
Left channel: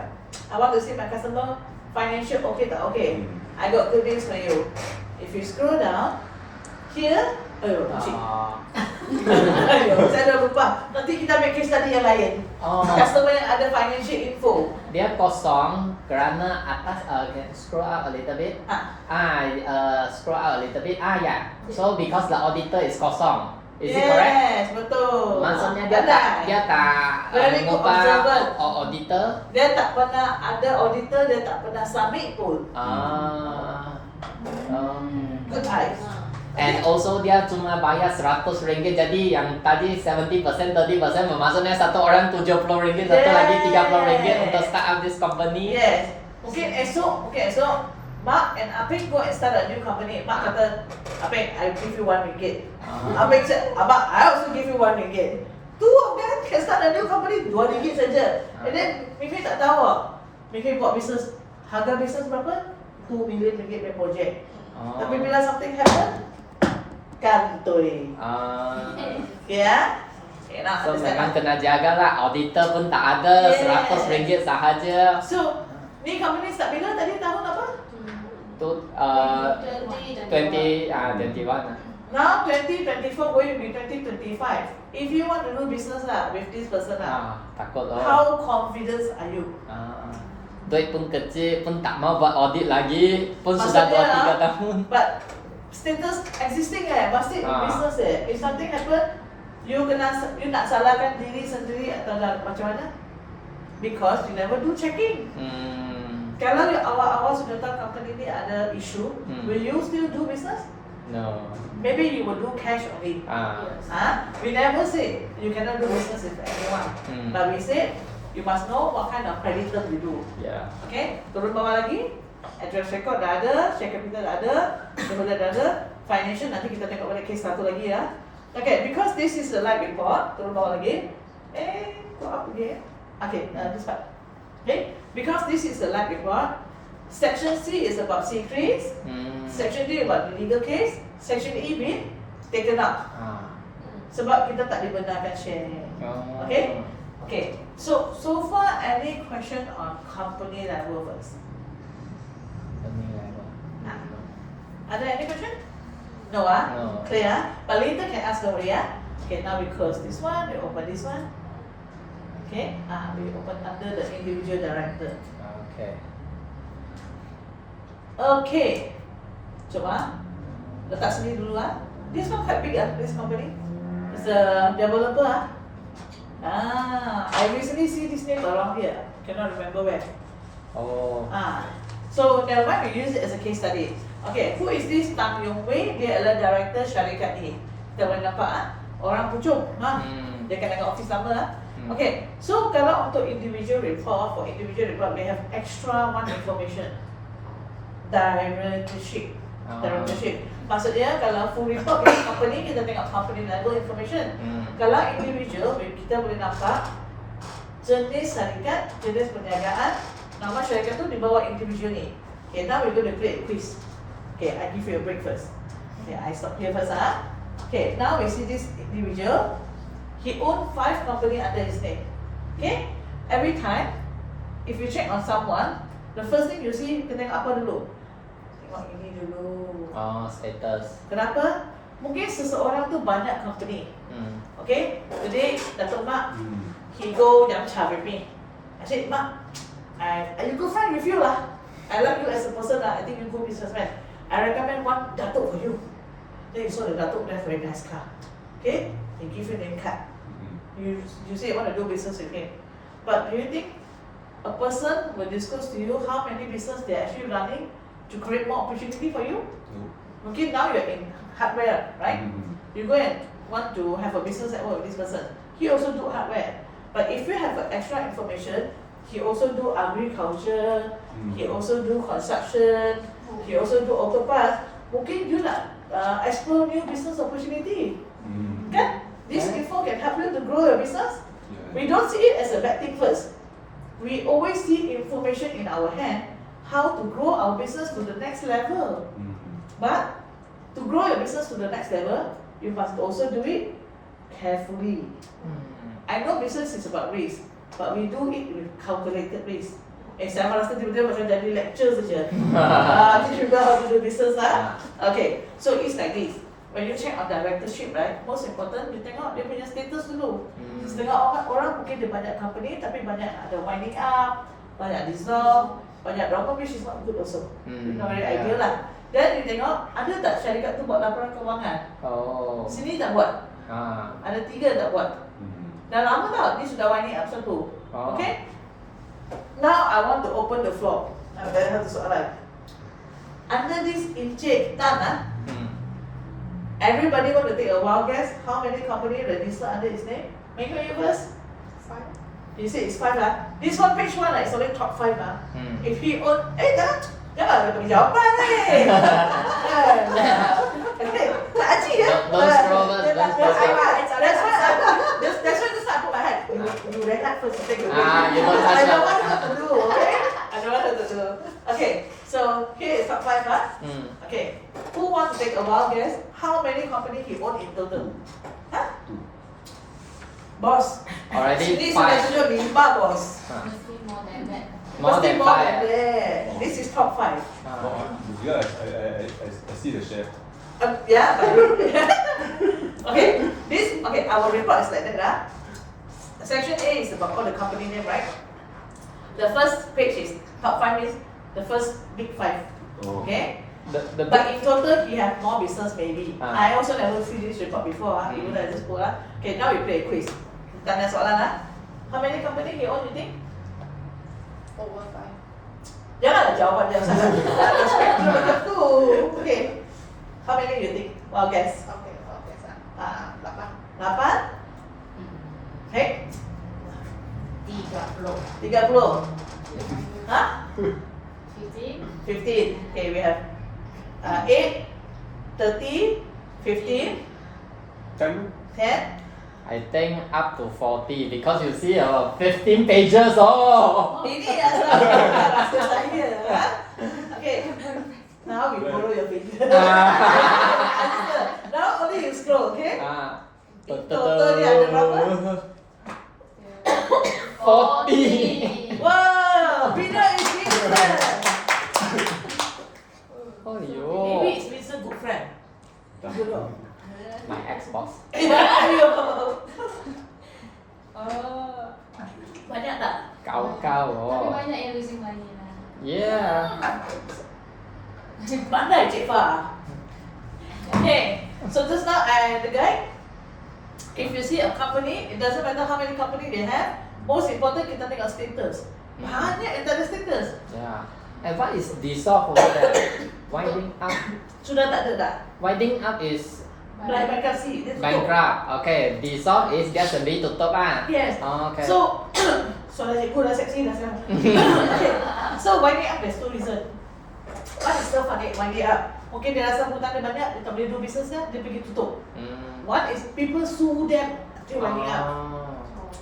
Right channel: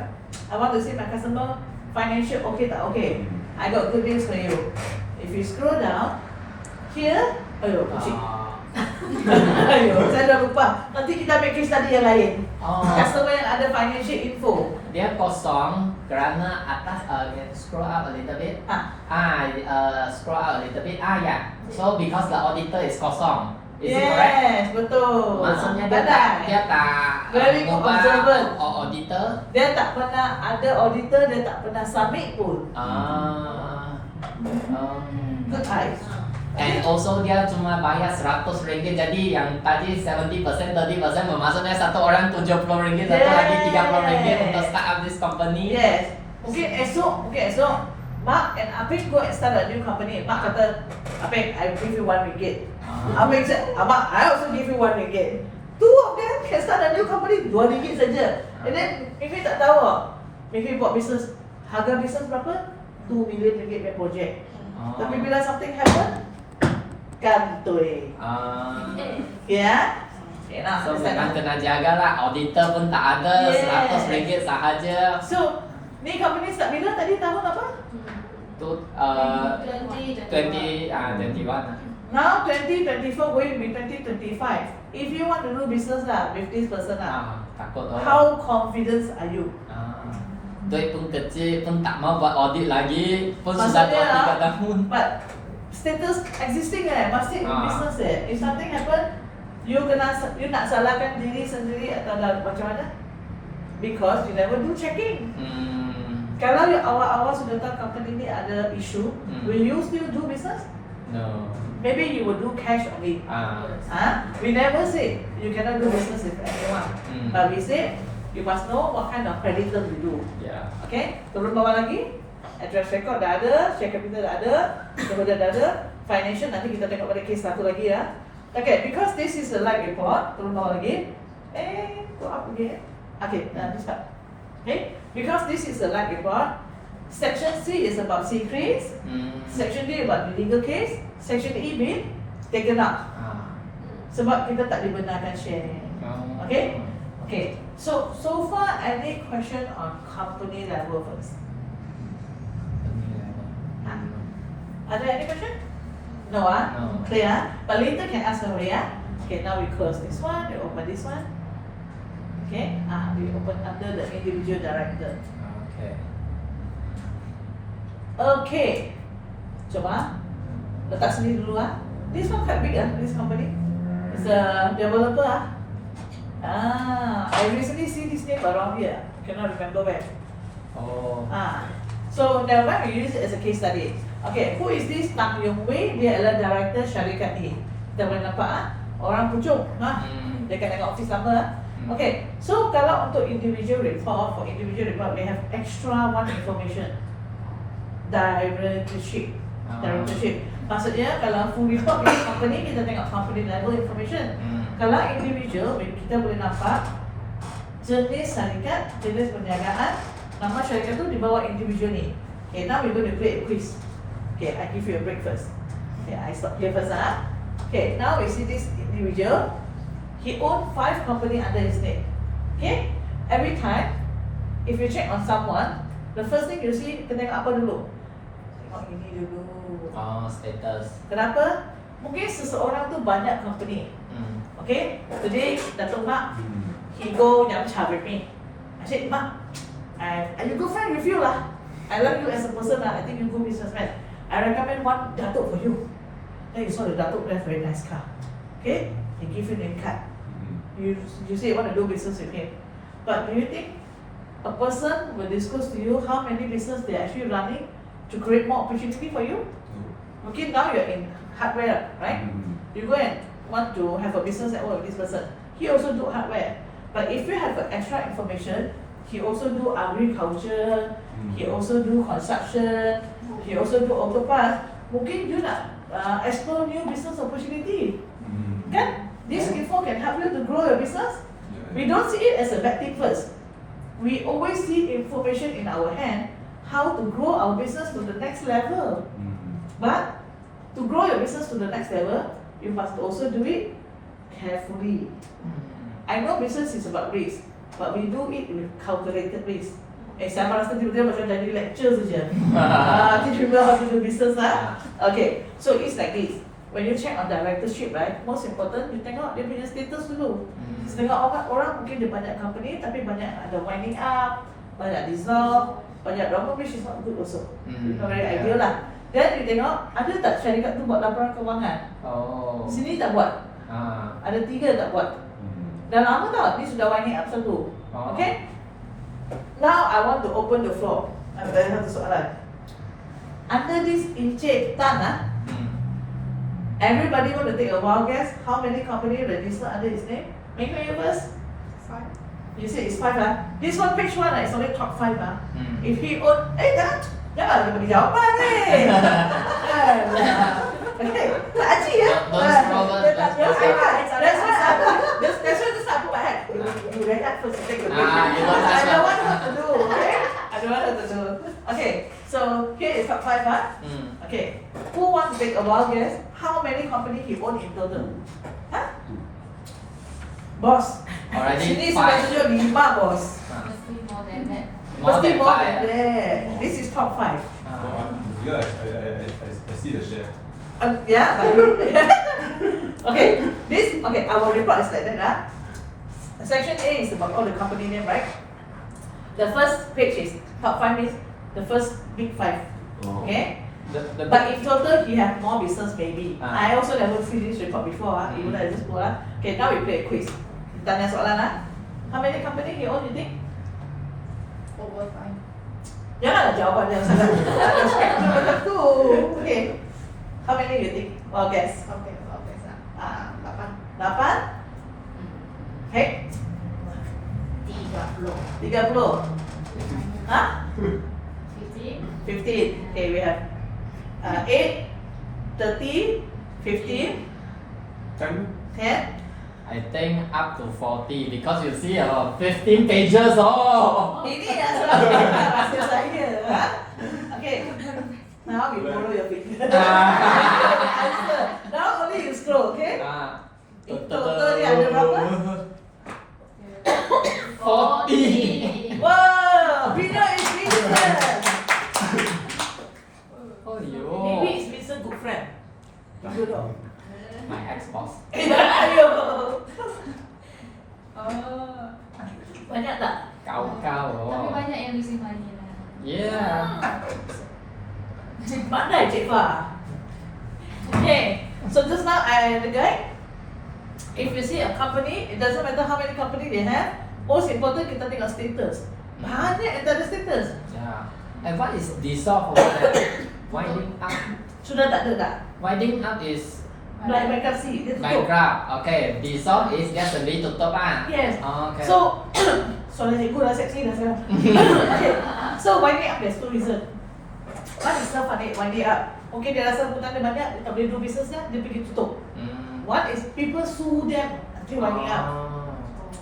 I want to see my customer financial okay tak okay? I got good news for you. If you scroll down, here, ayo, kucing. Ayo, saya dah lupa. Nanti kita ambil case study yang lain. Customer yang ada financial info. Dia kosong kerana atas scroll up a little bit. Scroll up a little bit. Yeah. So because the auditor is kosong. Is it correct? Yes, betul. Maksudnya Pandai. dia tak Very good observer. auditor. Dia tak pernah ada auditor, dia tak pernah submit pun. Good eyes. And also dia cuma bayar RM100, jadi yang tadi 70%, 30% bermaksudnya satu orang RM70, satu lagi RM30 untuk start up this company. Yes. Mungkin esok Mark and Apik go and start a new company. Mark kata, Apik, I give you RM1. Apik said, Mark, I also give you RM1. Two of them can start a new company, RM2 saja. And then Mifi tak tahu. Mifi buat business, harga business berapa? RM2 million per project. Tapi bila something happen, kantoi. Yeah? Okay, now So understand? memang kena jaga lah, auditor pun tak ada, Yes. RM100 sahaja. So, ni company start bila tadi tahun apa? Tu 20, 21. Now 2024 going to be 2025. If you want to do business lah with this person lah, Takut lah. how confident are you? Duit pun kecil, pun tak mau buat audit lagi, pun sudah Maksudnya buat 3 tahun. But status existing masih in business If something happen, you nak salahkan diri sendiri atau macam mana? Because you never do checking. Kalau you awal-awal sudah tahu company ni ada issue, will you still do business? No. Maybe you will do cash only. We never say you cannot do business with anyone. But we say you must know what kind of credit term you do. Yeah. Okay, turun bawah lagi. Address record dah ada, share capital dah ada, shareholder dah ada, financial nanti kita tengok pada case satu lagi ya. Okay, because this is a live report, turun bawah lagi. Go up again. Okay, this part. Okay, because this is a live report. Section C is about secrets. Section D about the legal case. Section E been taken out. Sebab kita tak dibenarkan share. Okay? Okay. So far any question on company level first? Are there any question? No No. Clear But later can ask nobody Okay, now we close this one, we open this one. Okay, we open under the individual director. Okay. Okay, coba letak sini dulu This one quite big this company. It's a developer I recently see this name around here. Cannot remember where. Oh. So then why we use it as a case study? Okay, who is this Tam Yung Wei? Dia adalah director syarikat A. Kita boleh nampak orang pucung Dia akan tengok office lama Okay, so kalau untuk individual report, for individual report we have extra one information. Directorship. Maksudnya kalau full report dari company, kita tengok company level information. Kalau individual, kita boleh nampak jenis syarikat, jenis perniagaan, nama syarikat tu di bawah individual ni. Okay, now we're going to create a quiz. Okay, I give you a break first. Okay, I stop here first Okay, now we see this individual. He owned 5 companies under his name. Okay, every time, if you check on someone, the first thing you see, kita tengok apa dulu? Tengok ini dulu. Status. Kenapa? Mungkin seseorang tu banyak company. Okay, today Datuk Mak, he go Yam Cha with me. I said, Mak, I good friend with you lah. I love you as a person lah. I think you good businessman. I recommend one Datuk for you. Then you saw the Datuk drive very nice car. Okay, he give you name card. You say you want to do business with him. But do you think a person will disclose to you how many business they are actually running to create more opportunity for you? Okay, now you're in hardware, right? You go and want to have a business at work with this person. He also do hardware. But if you have extra information, he also do agriculture, he also do construction, he also do auto parts. Mungkin you nak explore new business opportunity. Kan? This info can help you to grow your business. We don't see it as a bad thing first. We always see information in our hand how to grow our business to the next level. But to grow your business to the next level, you must also do it carefully. I know business is about risk, but we do it with calculated risk. Saya rasa tiba-tiba macam jadi lecture saja. Teach people how to do business Okay, so it's like this. When you check on directorship, right, most important you tengok dia punya status dulu. Setengah orang mungkin dia banyak company tapi banyak ada winding up, banyak dissolve, banyak drama, which is not good also. It's not very ideal lah. Dan you tengok ada tak syarikat tu buat laporan kewangan? Sini tak buat. Ada 3 tak buat. Dah lama tau, ni sudah winding up satu. Okay? Now I want to open the floor. Nak tanya satu soalan. Under this Encik Tan everybody want to take a wild guess how many company registered under his name? Make you first. 5. You say it's 5 This one page 1 it's only top 5 If he own, Jangan ada bagi jawapan ni. Tak aji ya. Don't scroll, That's why this I put my hand. You read that first, I take your break. You don't touch I don't that. want her to do, okay? I don't want her to do. Okay, so here is top 5, huh? Okay, who wants to take a wild guess? How many companies he own in total? Huh? Boss. Already Sini five. sudah tunjuk 5, boss. Mesti more than that. More Mesti than more five. than that. This is top 5. Because I see the share. Yeah, but okay. Okay. Our report is like that, huh? Section A is about all the company name, right? The first page is top 5 is the first big 5. Okay. But in total, he have more business maybe. I also never see this report before, even though I just go. Okay, now we play a quiz. Tanya soalan, how many company he own, you think? Over 5. Janganlah jawapan yang sangat ada spektrum macam tu. Okay. How many you think? Well, guess. Okay, okay, sah. 8. 8? Hey, 30. 30. Hah? 15. 15. Okay, we have 8, 30, 15, 10? 10. I think up to 40 because you see 15 pages. Oh. Ini dah selesai saya. Okay. Now we follow your finger. Answer. Now only you scroll, okay? In total ni ada berapa? 40. Wow, winner is Vincent. Oh, Maybe it's Vincent good friend. You know. My ex-boss. Ayo. Oh. Banyak tak? Kau-kau. Tapi banyak yang losing money lah. Yeah. Pandai Cik Fah. Okay, so just now I the guy. If you see a company, it doesn't matter how many company they have. Most important kita tengok status. Banyak yang tak ada status. Yeah. And what is dissolve over there? Winding up. Sudah tak ada tak? Winding up is Bankruptcy. Dia tutup. bankrupt. Okay. Dissolve is dia sendiri tutup lah. Yes. Okay. So, soalan cikgu dah seksi dah sekarang. Okay. So winding up there's two reason. One is self-funded winding up. Okay, dia rasa hutang dia banyak, dia tak boleh do business dia pergi tutup. One is people sue them until winding up.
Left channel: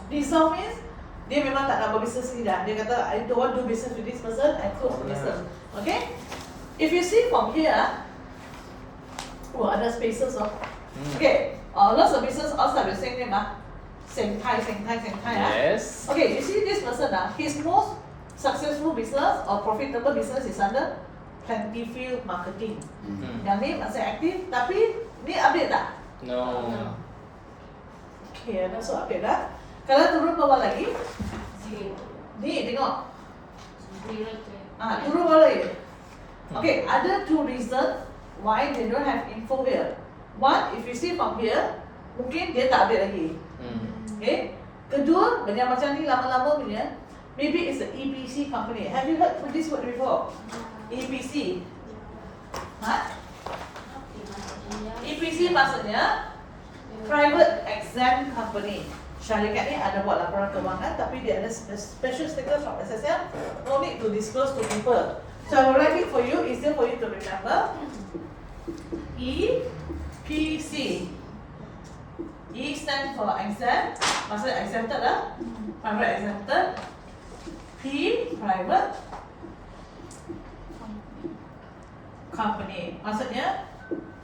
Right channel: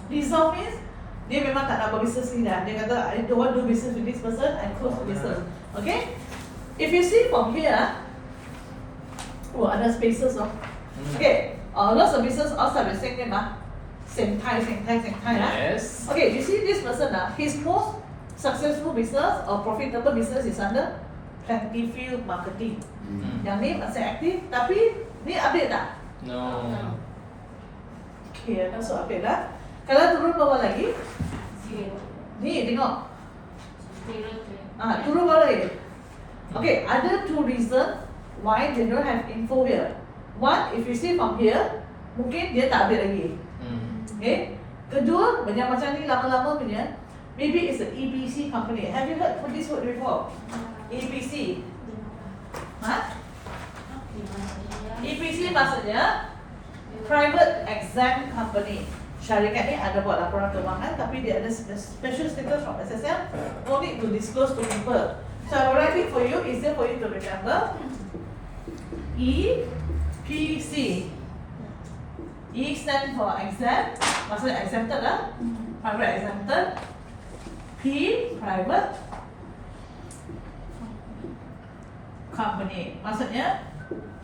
Dissolve means dia memang tak nak buat business ni dah. Dia kata, I don't want to do business with this person, I close the business. Okay? If you see from here, ada spaces. Okay, lots of business outside the same name. Same time. Yes. Okay, you see this person, his most successful business or profitable business is under Plentyfield Marketing. Yang ni masih aktif, tapi ni update tak? No. Okay, ada so update lah. Kalau turun bawah lagi, Zero. ni tengok. Zero tu. Turun bawah lagi. Okay, ada two reasons why they don't have info here. One, if you see from here, mungkin dia tak update lagi. Okay. Kedua, banyak macam ni lama-lama punya, maybe it's an EPC company. Have you heard of this word before? EPC. EPC maksudnya private exam company. Syarikat ni ada buat laporan keuangan tapi dia ada special status from SSM. No need to disclose to people. So I will write it for you, easier for you to remember. EPC. E stand for exam, maksudnya exempted lah. Private exempted. P private company. Maksudnya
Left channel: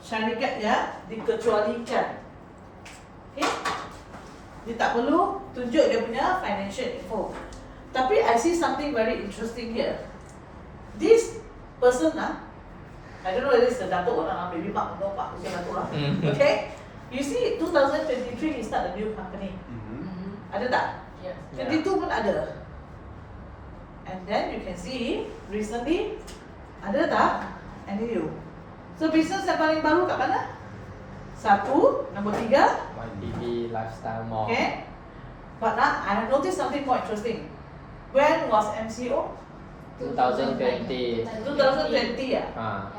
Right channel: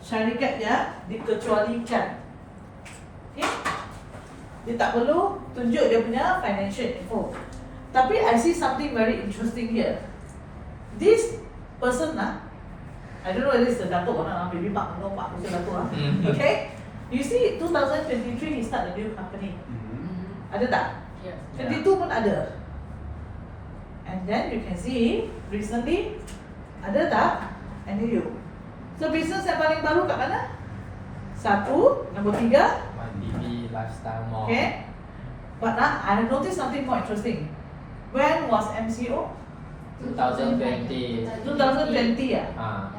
syarikat yang dikecualikan. Okay? Dia tak perlu tunjuk dia punya financial info. Tapi I see something very interesting here. This person I don't know whether it's the Datuk or not, maybe Pak no Pak Hussein Datuk lah. Okay? You see 2023 he start a new company. Ada tak? Yes. 22 pun ada. And then you can see recently ada tak? And new. So business yang paling baru kat mana? Satu, nombor 3. YDB Lifestyle Mall. Okay. But now I have noticed something more interesting. When was MCO? 2020. 2020 Ah.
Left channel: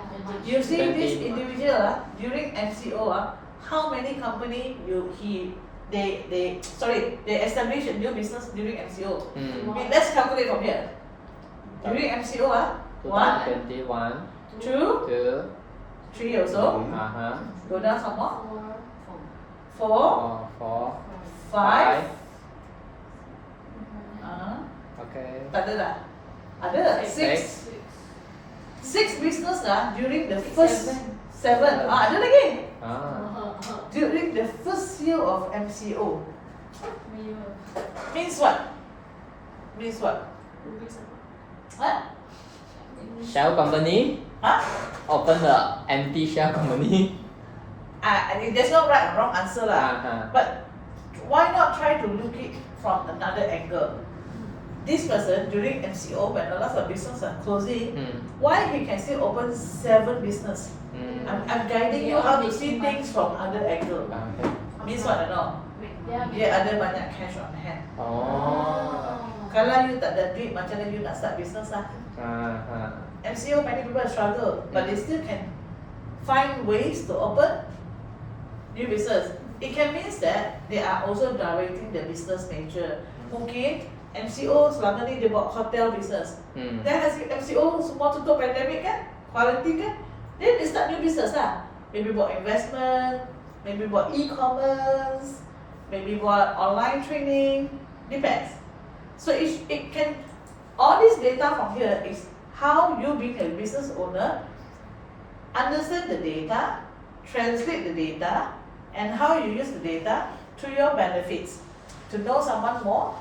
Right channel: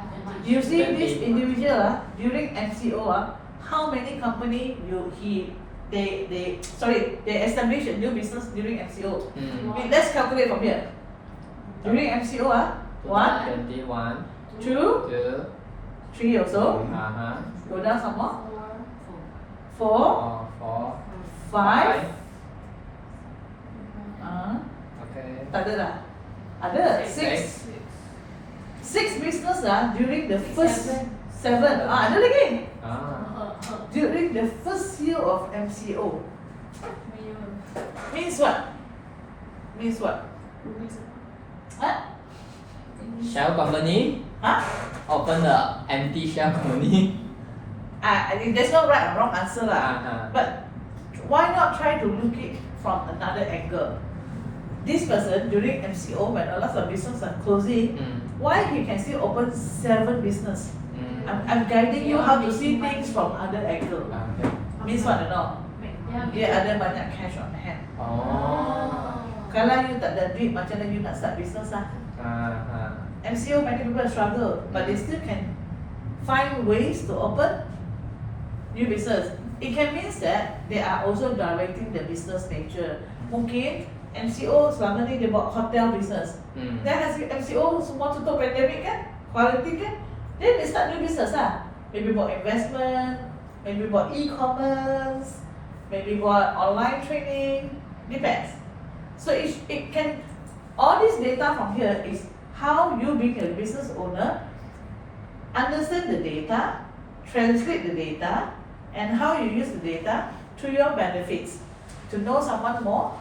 You see this individual during MCO how many company they establish a new business during MCO. Let's calculate from here. During MCO 1, 21, 2, 2, 3 also. Go down some more. 4, 4, 5. 5. Okay. Tak ada dah. Ada 6. 6 business lah during the first 7. Ada lagi. During the first year of MCO. Means what? Means what? Huh? Shell company Huh? open the empty shell company. I think there's no right or wrong answer lah. But why not try to look it from another angle? This person during MCO when a lot of business are closing, why he can still open 7 business? I'm guiding you how to see things from other angle. Means what I know? Dia ada banyak cash on hand. Kalau you tak ada duit, macam mana you nak start business lah? MCO many people struggle, but they still can find ways to open new business. It can mean that they are also directing the business nature. Mungkin MCO selama ni dia buat hotel business. Then as MCO semua tutup pandemic kan, quarantine kan, then they start new business lah. Maybe buat investment, maybe buat e-commerce, maybe buat online training, depends. So it can, all this data from here is how you being a business owner understand the data, translate the data, and how you use the data to your benefits. To know someone more,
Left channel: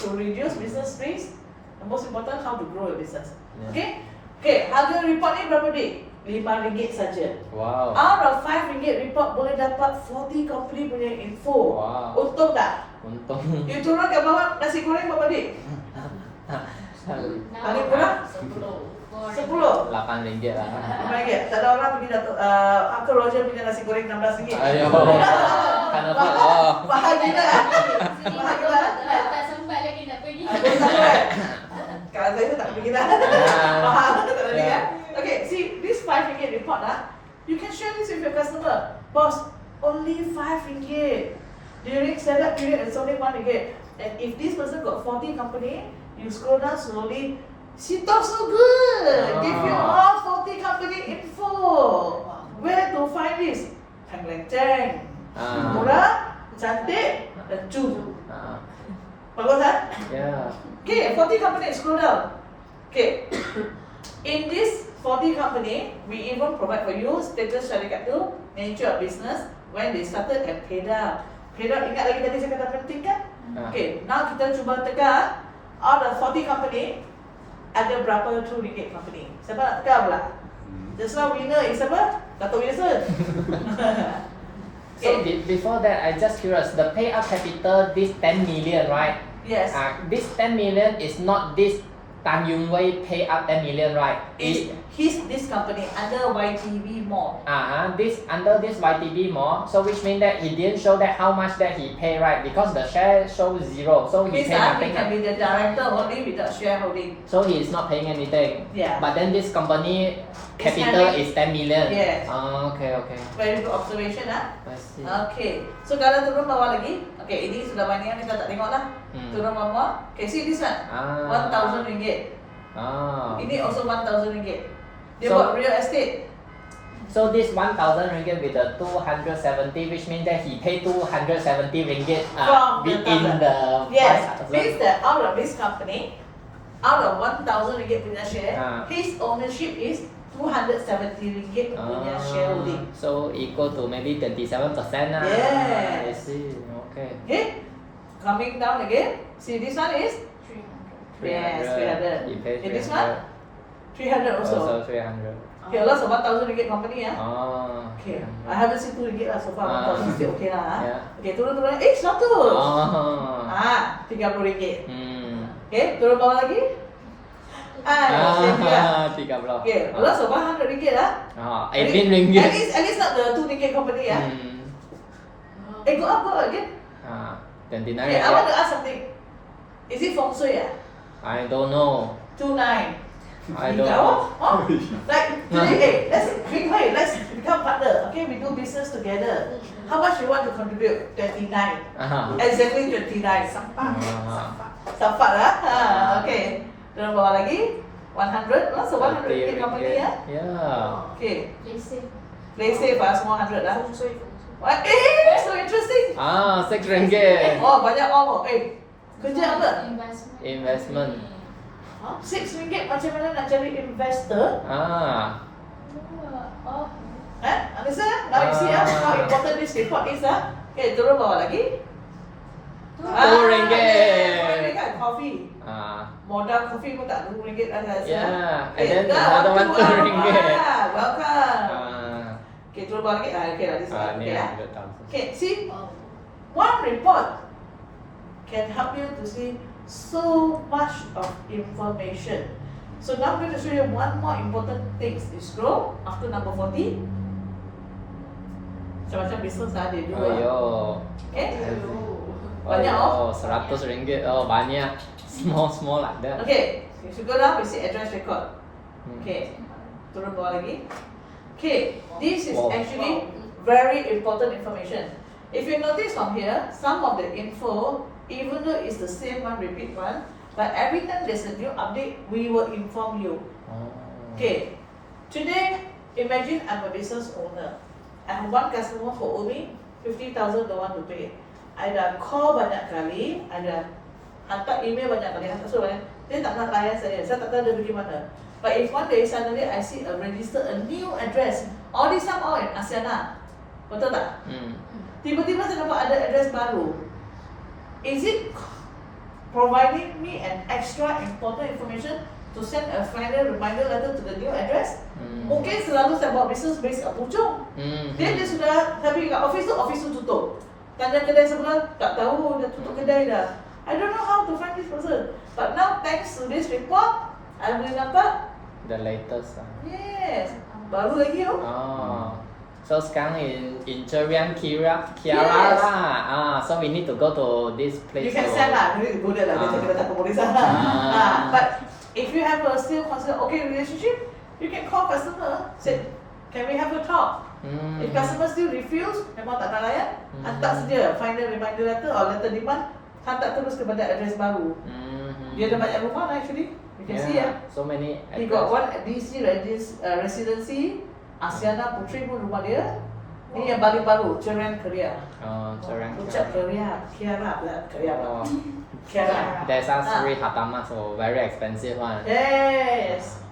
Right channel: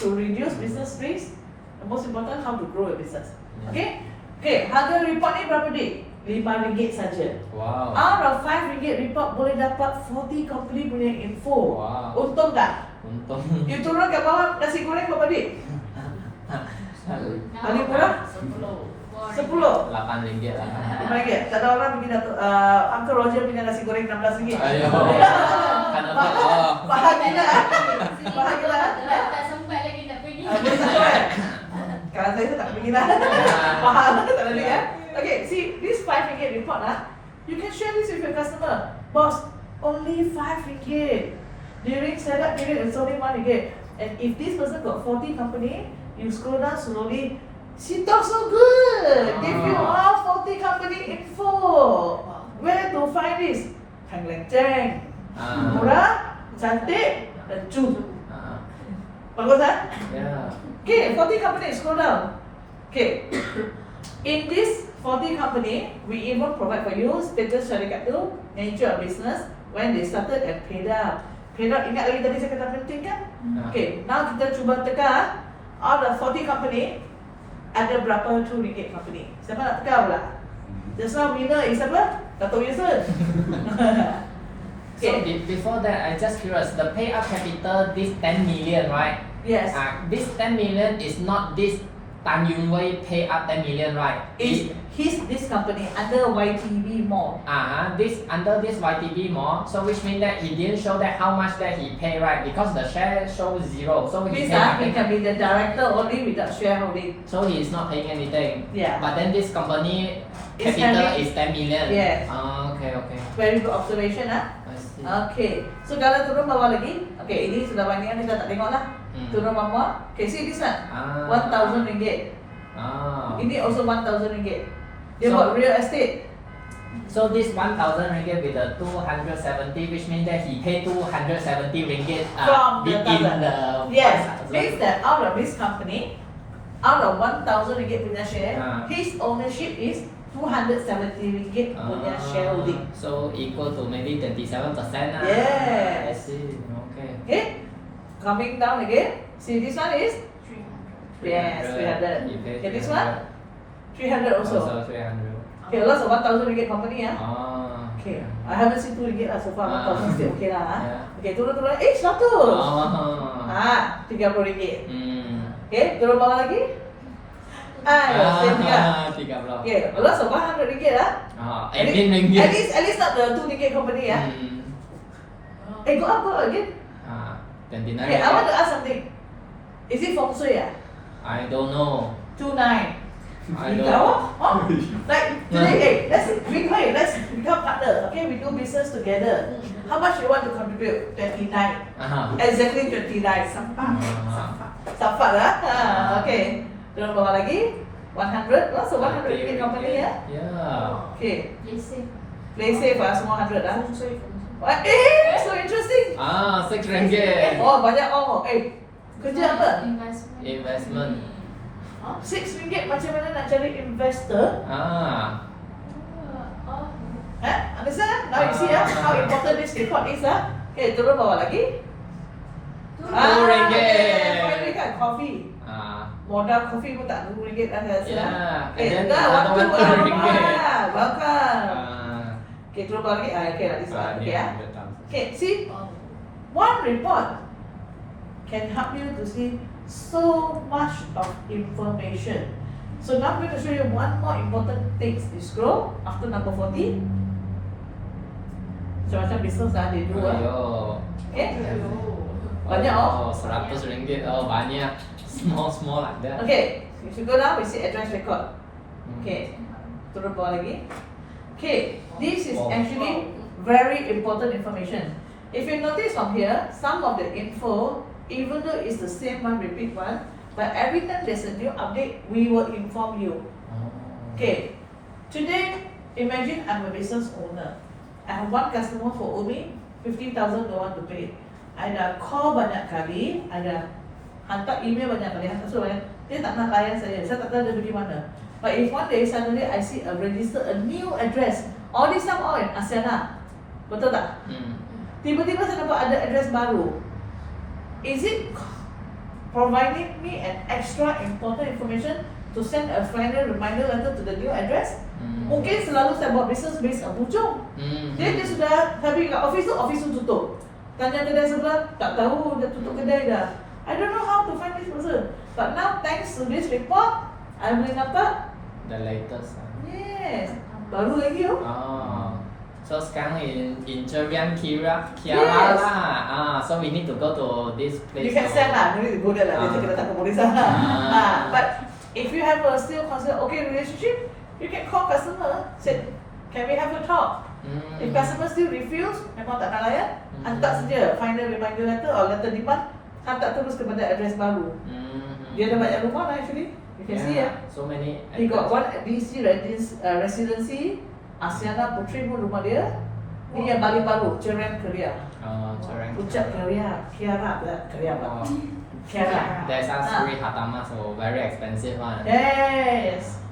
to reduce business risk, and most important, how to grow a business. Okay? Okay, harga report ni berapa dik? RM5 saja. Wow. Out of RM5 report boleh dapat 40 company punya info. Wow. Untung tak? Untung. You turun kat bawah nasi goreng berapa dik? Paling kurang? 10. RM8 lah. RM5. Tak ada orang pergi Datuk, Uncle Roger punya nasi goreng RM16. Ayo. Faham gila? Faham gila? Tak sempat lagi nak pergi. Boleh sampai? Kalau saya tak pergi lah. Faham? Tak ada ni kan? Okay, see, this RM5 report lah, you can share this with your customer. Boss, only RM5. During setup period, it's only RM1. And if this person got 40 company, you scroll down slowly. She talks so good. Give you all 40 company info. Where to find this? Tang Leng Cheng. Murah, cantik, dan cun. Bagus kan? Yeah. Okay, 40 company, scroll down. Okay. In this 40 company, we even provide for you status syarikat tu, nature of business, when they started and paid out. Paid out, ingat lagi tadi saya kata penting kan? Okay, now kita cuba teka, out of 40 company, ada berapa RM2 company? Siapa nak teka pula? Just now winner is siapa? Dato' Wilson. So before that, I just curious. The payout capital, this 10 million, right? Yes. This 10 million is not this Tan Yung Wei pay up 10 million, right? Is this company under YTV Mall? This under this YTB more, so which means that he didn't show that how much that he pay, right? Because the share shows 0, so he Means pay that he nothing. can be the director only without shareholding. So he is not paying anything. Yeah. But then this company It's capital having- is 10 million. Yes. Okay. Very good observation ah. I see. Okay, so kalau turun bawah lagi, okay ini sudah banyak yang kita tak tengok lah. Turun bawah, okay see this one, RM1,000. Ini also RM1,000. Dia So- buat real estate. So this 1,000 ringgit with the 270, which means that he paid 270 ringgit From the within thousand. the Yes, 1,000. means that out of this company, out of RM1,000 punya share, his ownership is RM270 punya shareholding. So equal to maybe 27%. Yes. I see. Okay. Okay, coming down again. See this one is yes 300. He paid Okay, this 300. one 300 also. Also 300. Okay, lots of RM1,000 company ah. Okay. Okay, I haven't seen RM2 lah so far. RM1,000 still okay lah. Yeah. Okay, turun 100. RM30. Okay, turun bawah lagi. Same juga. 30. Okay, lots of RM100 lah. At 18 ringgit. At least not the RM2 company ah. Go up again. 29. Okay, I want to ask something. Is it feng shui ah? I don't know. 29. I don't Tahu? know. Oh, like today, let's become partner. Okay, we do business together. How much you want to contribute? 29. Exactly 29. Sampai lah. Okay. Turun bawah lagi. 100, so 100 ringgit company ya. Yeah. Okay, Lesen. play safe semua 100 ah. Sorry. What? So interesting. Ah, 6 ringgit. Oh, banyak orang. Kerja apa? Investment. Investment. 6 ringgit macam mana nak cari investor? Ah. Oh. Understand? Now you see how important this report is Okay, turun bawah lagi. RM2. Finally got coffee. Ah. Modal kopi pun tak RM2 lah saya rasa. Yeah. Okay, And then dah another waktu one RM2. Welcome. Ah. Okay, turun bawah lagi. Okay, this one. Okay, Yeah. Okay, see, one report can help you to see so much of information. So now I'm going to show you one more important thing. You scroll after number 40. Macam-macam business they do. Yo. Okay? Banyak Oh, 100 ringgit. Oh, banyak. Small like that. Okay, if you go down, we see address record. Hmm. Okay, turun bawah lagi. Okay, this is Wow. actually very important information. If you notice from here, some of the info, even though it's the same one, repeat one, but every time there's a new update, we will inform you. Okay, today, imagine I'm a business owner. I have one customer for Umi, 50,000 don't want to pay. I dah call banyak kali, I dah hantar email banyak kali, hantar surat layan, dia tak nak layan saya tak tahu dia pergi mana. But if one day suddenly I see a register, a new address, all this time all in Asiana, betul tak? Hmm. Tiba-tiba saya dapat ada address baru. Is it providing me an extra important information to send a final reminder letter to the new address? Mungkin selalu saya buat business based on Puchong. Dia sudah, tapi kat office tu tutup. Tanya kedai sebelah, tak tahu dia tutup kedai dah. I don't know how to find this person. But now thanks to this report, I boleh nampak. The latest. Yes, baru lagi oh. Oh. So sekarang in Cherian Kiara Yes. lah. So we need to go to this place. You can send lah, you go there lah, dia kena takut polis lah. But if you have a still concern, okay relationship, you can call customer, say, can we have a talk? If customer still refuse, memang tak nak layan, hantar saja final reminder letter or letter demand, hantar terus kepada address baru. Dia ada banyak rumah lah actually, you can see ya. So many. He got one at DC residency, Asiana Putri pun rumah dia. Ni yang paling baru, Cherian Korea. Oh, Cherian. Ucap Korea, Kiara pula, Korea pula. Oh. Kiara. There's a Sri Hatama, so very expensive one. Yes.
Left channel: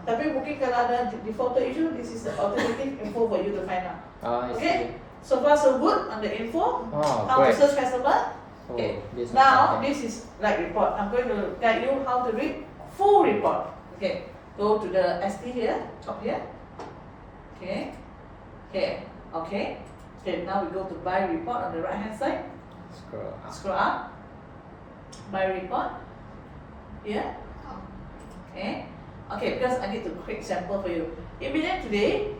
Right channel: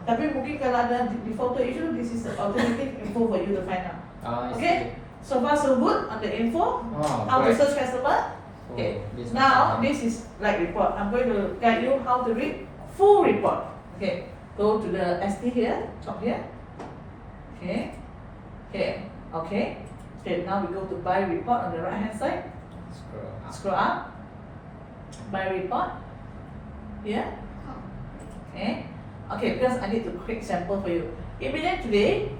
Tapi mungkin kalau ada defaulted issue, this is the alternative info for you to find out. Oh, I Okay, see. so far so good on the info. Oh, How to great. search customer. Okay, this is now fine. this is like report. I'm going to guide you how to read full report. Okay, go to the ST here, top here. Okay, okay. Now we go to buy report on the right hand side. Scroll up. Scroll up. Buy report. Here. Okay, because I need to create sample for you. Imagine today,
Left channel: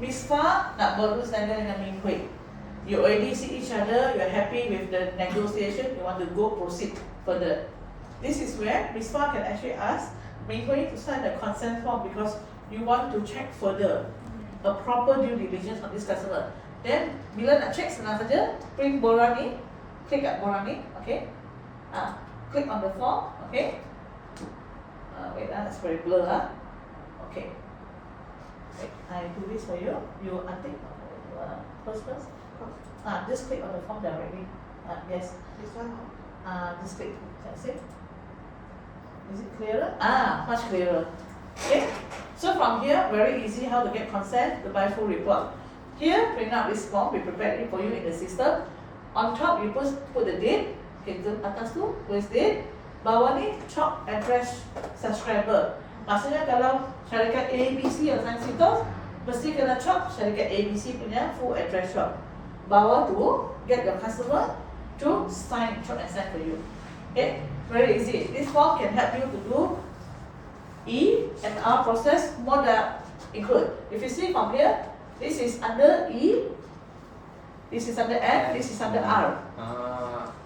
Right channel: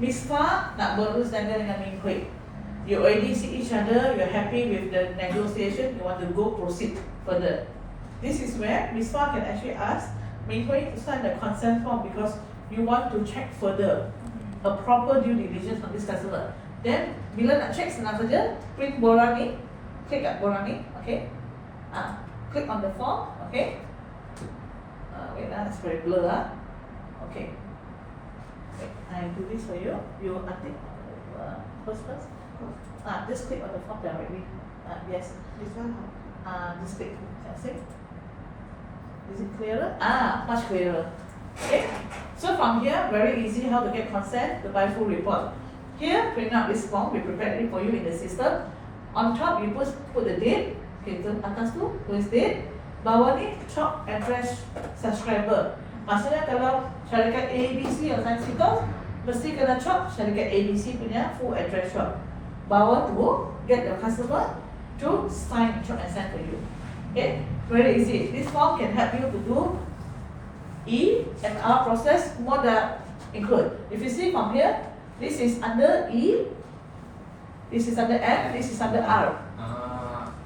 Miss Fa nak berus dagang dengan Ming Hui. You already see each other, you're happy with the negotiation, you want to go proceed further. This is where Miss Fa can actually ask Ming Hui to sign the consent form because you want to check further a proper due diligence on this customer. Then, bila nak check senang saja, print borang ni, klik kat borang ni, okay? Click on the form, okay? Wait, that's very blur Okay. Wait, I do this for you. You untick first. Just click on the form directly. Yes. This one. Just click. Can see? Is it clearer? Much clearer. Okay. So from here, very easy how to get consent to buy full report. Here, print out this form. We prepared it for you in the system. On top, you put the date. Okay, tu atas tu tulis date. Bawah ni top address subscriber. Maksudnya kalau syarikat ABC yang sign situ, mesti kena chop syarikat ABC punya full address shop. Bawah tu get the customer to sign chop and send for you. Okay, very easy. This form can help you to do E and R process more than include. If you see from here, this is under E, this is under N, this is under R.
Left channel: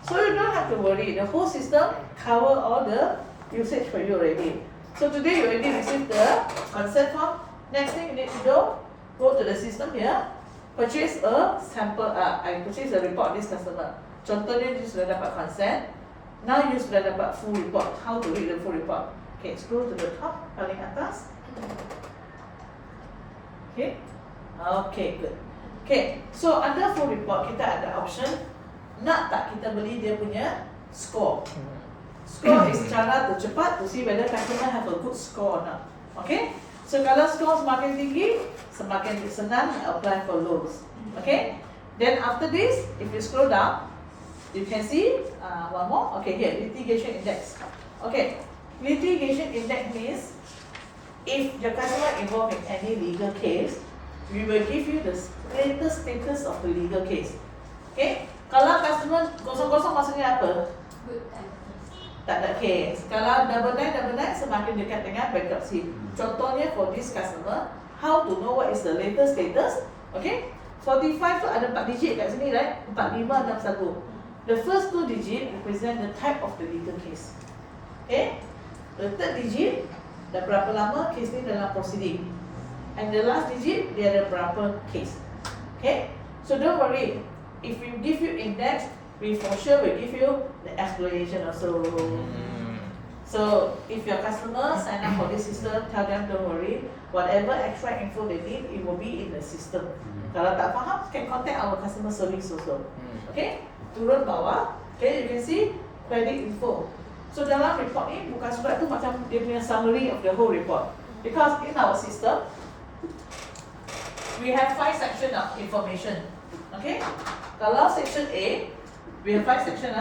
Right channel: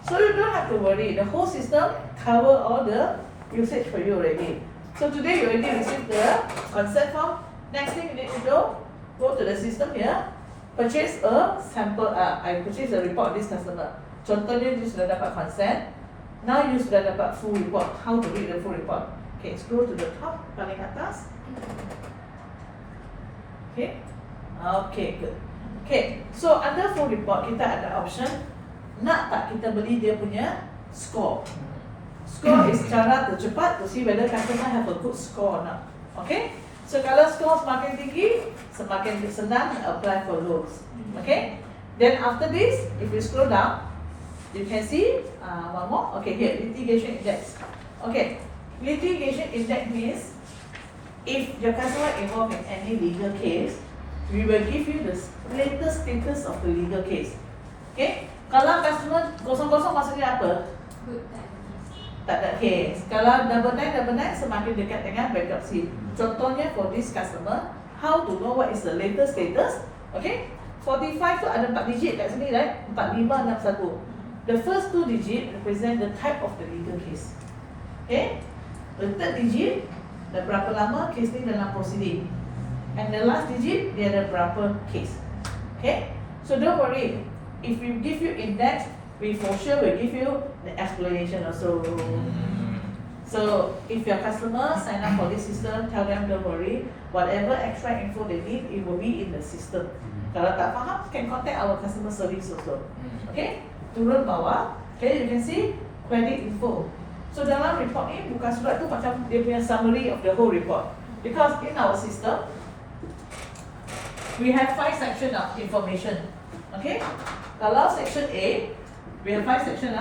So you don't have to worry. The whole system cover all the usage for you already. So today you already received the consent form. Next thing you need to go to the system here, purchase a sample. I purchase a report of this customer. Contohnya you sudah dapat consent. Now you sudah dapat full report. How to read the full report? Okay, scroll to the top, paling atas. Okay. Okay, good. Okay, so under full report kita ada option nak tak kita beli dia punya score. Score is cara tercepat to see whether customer have a good score or not. Okay, so kalau score semakin tinggi, semakin senang apply for loans. Okay, then after this, if you scroll down, you can see one more. Okay, here litigation index. Okay, litigation index means if your customer involved in any legal case, we will give you the latest status of the legal case. Okay, kalau customer kosong-kosong maksudnya apa? Good times. Tak ada case. Kalau double nine semakin dekat dengan bankruptcy. Contohnya for this customer, how to know what is the latest status? Okay, 45 tu ada 4 digit kat sini, right? 4561. The first 2 digit represent the type of the legal case. Okay, the third digit dah berapa lama case ni dalam proceeding. And the last digit, dia ada berapa case. Okay, so don't worry. If we give you index, we for sure will give you the explanation also. So if your customer sign up for this system, tell them don't worry. Whatever extra info they need, it will be in the system. Kalau tak faham, can contact our customer service also. Okay, turun bawah. Okay, you can see credit info. So dalam report ni bukan surat tu macam dia punya summary of the whole report. Because in our system, we have 5 sections of information. Okay, kalau section A, we have 5 sections.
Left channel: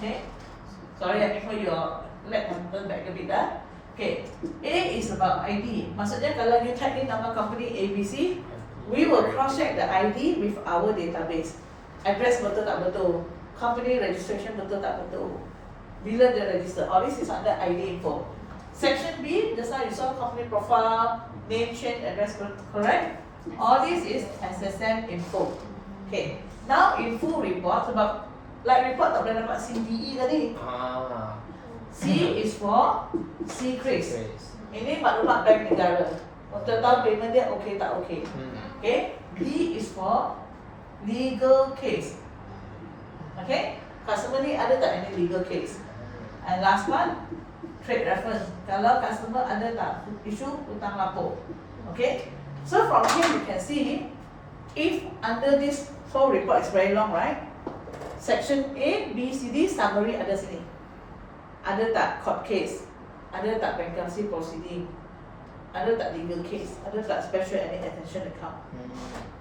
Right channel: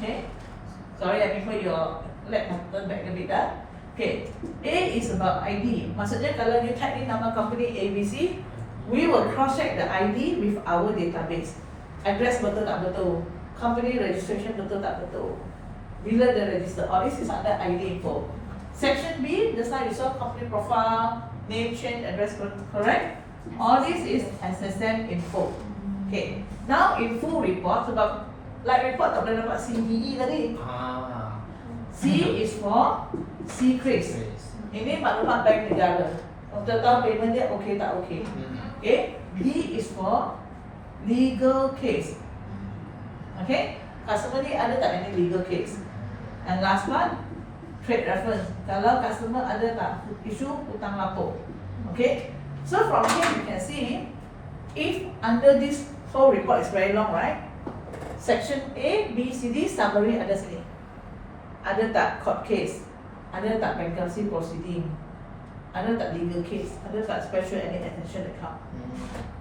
Okay, sorry, I prefer you let me turn back a bit. Okay, A is about ID. Maksudnya kalau you type in nama company ABC, we will cross check the ID with our database. Address betul tak betul, company registration betul tak betul, bila dia register. All this is under ID info. Section B, just now you saw company profile, name change, address, correct? All this is SSM info. Okay, now in full report, sebab like report tak boleh dapat CDE tadi. C is for secrets. Ini maklumat bank negara. Untuk tahu payment dia okay tak okay. Okay, D is for legal case. Okay, customer ni ada tak any legal case? And last one, trade reference. Kalau customer ada tak isu hutang lapor. Okay, so from here you can see if under this whole report is very long, right? Section A, B, C, D summary ada sini. Ada tak court case? Ada tak bankruptcy proceeding? Ada tak legal case? Ada tak special any attention account?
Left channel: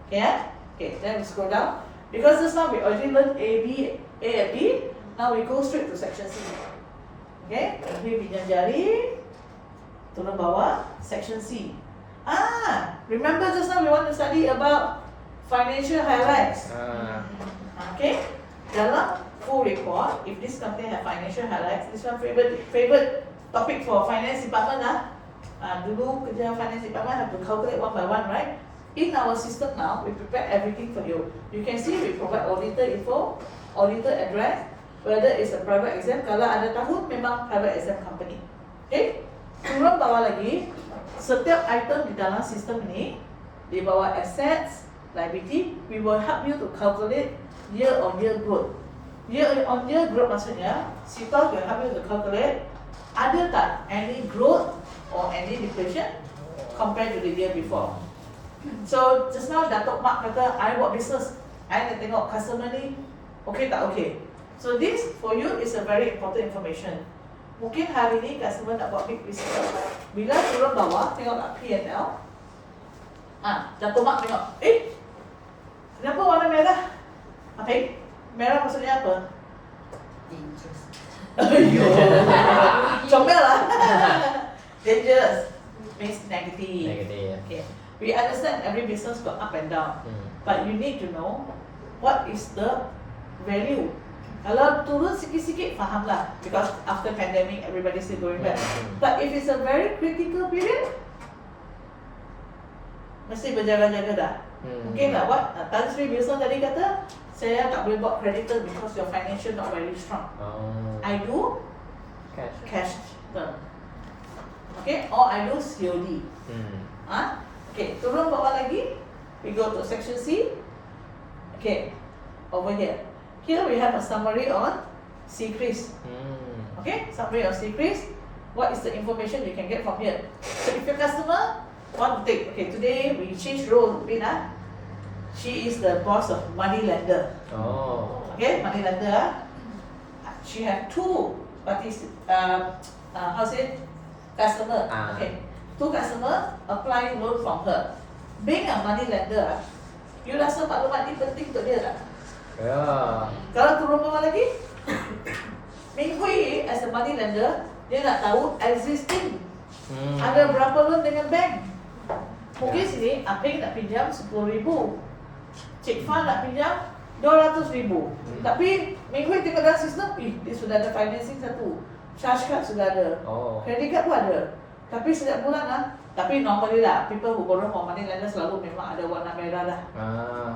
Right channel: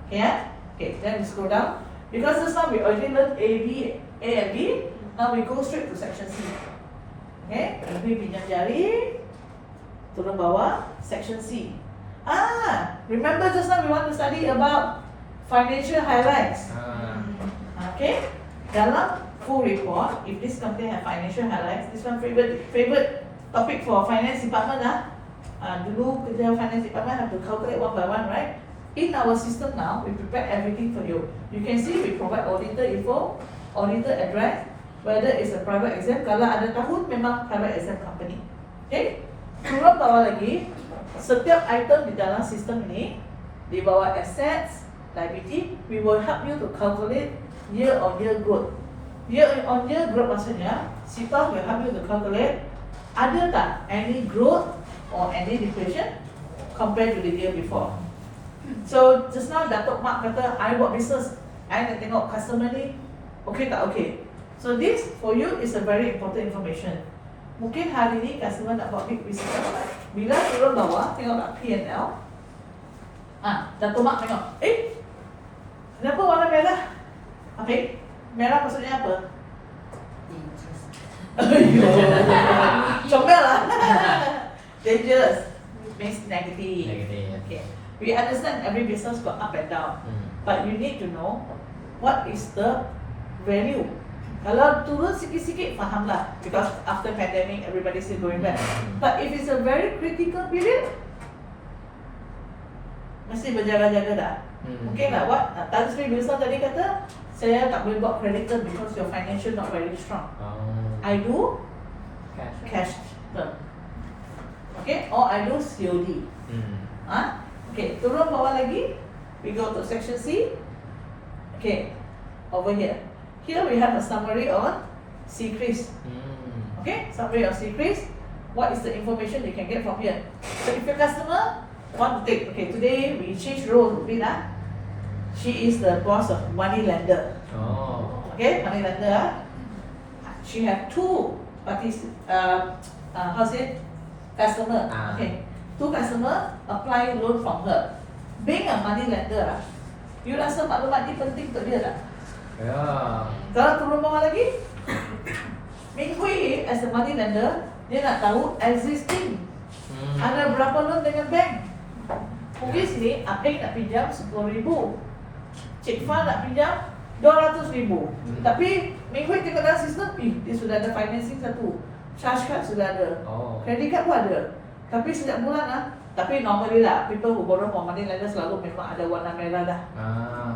Okay, yeah? Okay, then we scroll down. Because this one we already learned A and B. Now we go straight to section C. Okay, lebih pinjam jari. Turun bawah, section C. Remember just now we want to study about financial highlights. Okay, dalam full report, if this company have financial highlights, this one favorite topic for finance department. Dulu kerja finance department have to calculate one by one, right? In our system now, we prepare everything for you. You can see we provide auditor info, auditor address, whether it's a private exam. Kalau ada tahun memang private exam company. Okay? Turun bawah lagi, setiap item di dalam sistem ini, di bawah assets, liability, we will help you to calculate year-on-year growth. Year-on-year growth maksudnya, Sitos will help you to calculate ada tak any growth or any depletion compared to the year before. So just now Datuk Mak kata, I buat business, I nak tengok customer ni okay tak okay. So this for you is a very important information. Mungkin hari ni customer nak buat big business. Bila turun bawah, tengok tak P&L. Datuk Mak tengok, kenapa warna merah? Okay, merah maksudnya apa? Comel lah. Dangerous means negative. Okay. We understand every business got up and down, but you need to know what is the value. Kalau turun sikit-sikit, fahamlah, because after pandemic everybody still going back. But if it's a very critical period, mesti berjaga-jaga dah. Mungkin tak what Tan Sri Bilson tadi kata, saya tak boleh buat creditor because your financial not very strong. I do cash term. Okay, or I do COD. Okay, turun bawah lagi, we go to section C. Okay, over here. Here we have a summary on secrets. Okay, summary of secrets. what is the information you can get from here? So if your customer want to take, okay, today we change roles a bit. She is the boss of money lender. Oh. Okay, money lender. She have two parties. How's it? Customer. Okay, two customer apply loan from her. Being a money lender, you rasa maklumat ni penting untuk dia tak? Yeah. Kalau turun bawah lagi, Ming Hui as a money lender, dia nak tahu existing ada berapa loan dengan bank. Mungkin sini Apeng nak pinjam 10,000, Cik Fa nak pinjam 200,000. Tapi Ming Hui tengok dalam sistem, dia sudah ada financing satu, charge card sudah ada, credit card pun ada. Tapi setiap bulan tapi normally lah, people who borrow from money lender selalu memang ada warna merah dah.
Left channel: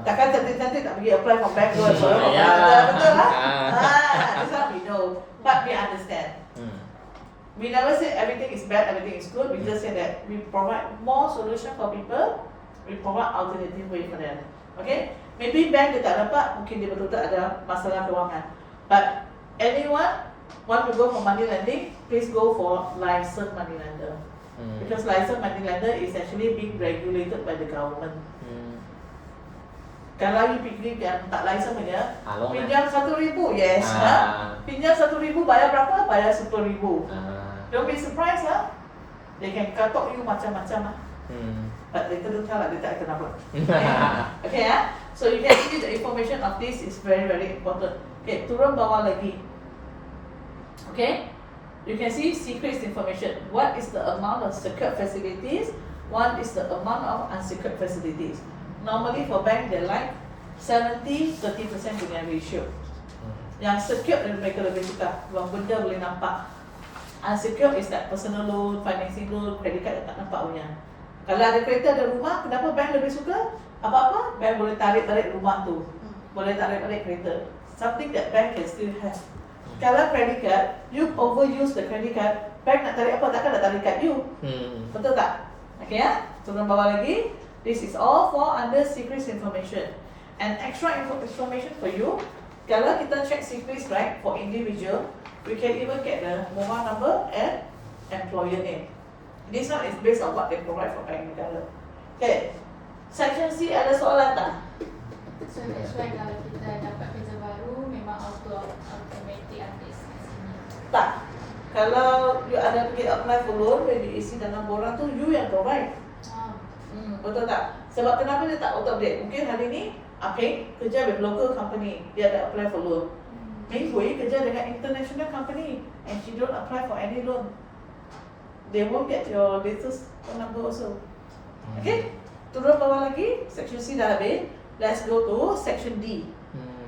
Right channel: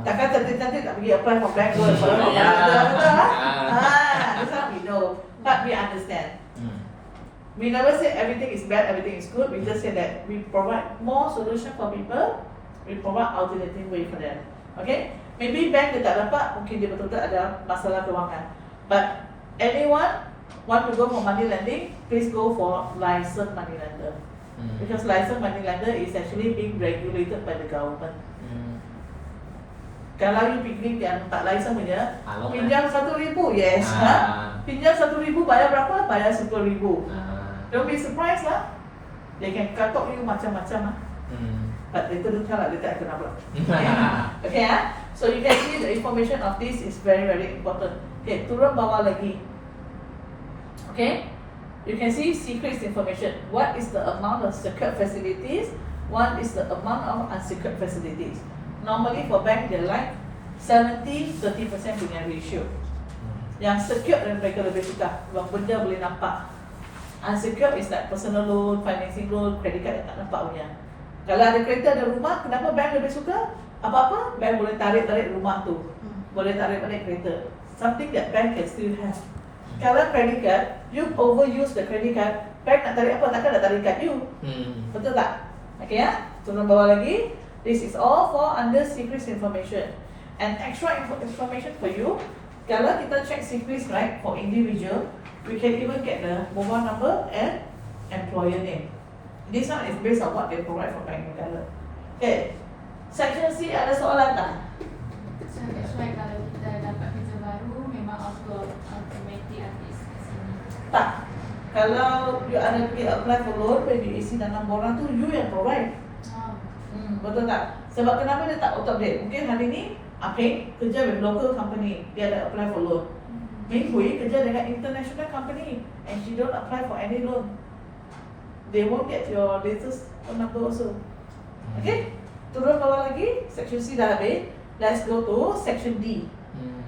Takkan cantik-cantik tak pergi apply for bank loan, borrow from money lender, betul lah? That's how we know, but we understand. We never say everything is bad, everything is good. We just say that we provide more solution for people. We provide alternative way for them. Okay? Maybe bank dia tak dapat, mungkin dia betul-betul ada masalah kewangan. But anyone want to go for money lending, please go for licensed money lender. Because licensed money lender is actually being regulated by the government. Kalau you pergi yang tak license punya, pinjam 1,000, yes. Pinjam 1,000 bayar berapa? Bayar 10,000. Don't be surprised lah. They can katok you macam-macam But later don't tell lah, dia tak kena block. Okay So you can see the information of this is very very important. Okay, turun bawah lagi. Okay, you can see secret information. What is the amount of secured facilities? What is the amount of unsecured facilities? Normally for bank they like 70-30% punya ratio. Yang secured mereka lebih suka, sebab benda boleh nampak. Unsecured is like personal loan, financing loan, credit card yang tak nampak punya. Kalau ada kereta, ada rumah, kenapa bank lebih suka? Apa-apa, bank boleh tarik balik rumah tu, boleh tarik balik kereta. Something that bank can still have. Kalau credit card, you overuse the credit card, bank nak tarik apa, takkan nak tarik card you. Betul tak? Okay turun bawah lagi. This is all for under secret information. And extra information for you, kalau kita check secret right for individual, we can even get the mobile number and employer name. This one is based on what they provide from Bank Negara. Okay, section C ada soalan tak? So that's why kalau kita dapat kerja baru, memang automatic update kat sini. Tak. Kalau you ada pergi apply for loan, when you isi dalam borang tu, you yang provide. Betul tak? Sebab kenapa dia tak auto-update? Mungkin hari ni Apeng kerja with local company, dia ada apply for loan. Ming Hui kerja dengan international company and she don't apply for any loan. They won't get your latest phone number also. Okay, turun bawah lagi, section C dah habis. Let's go to section D.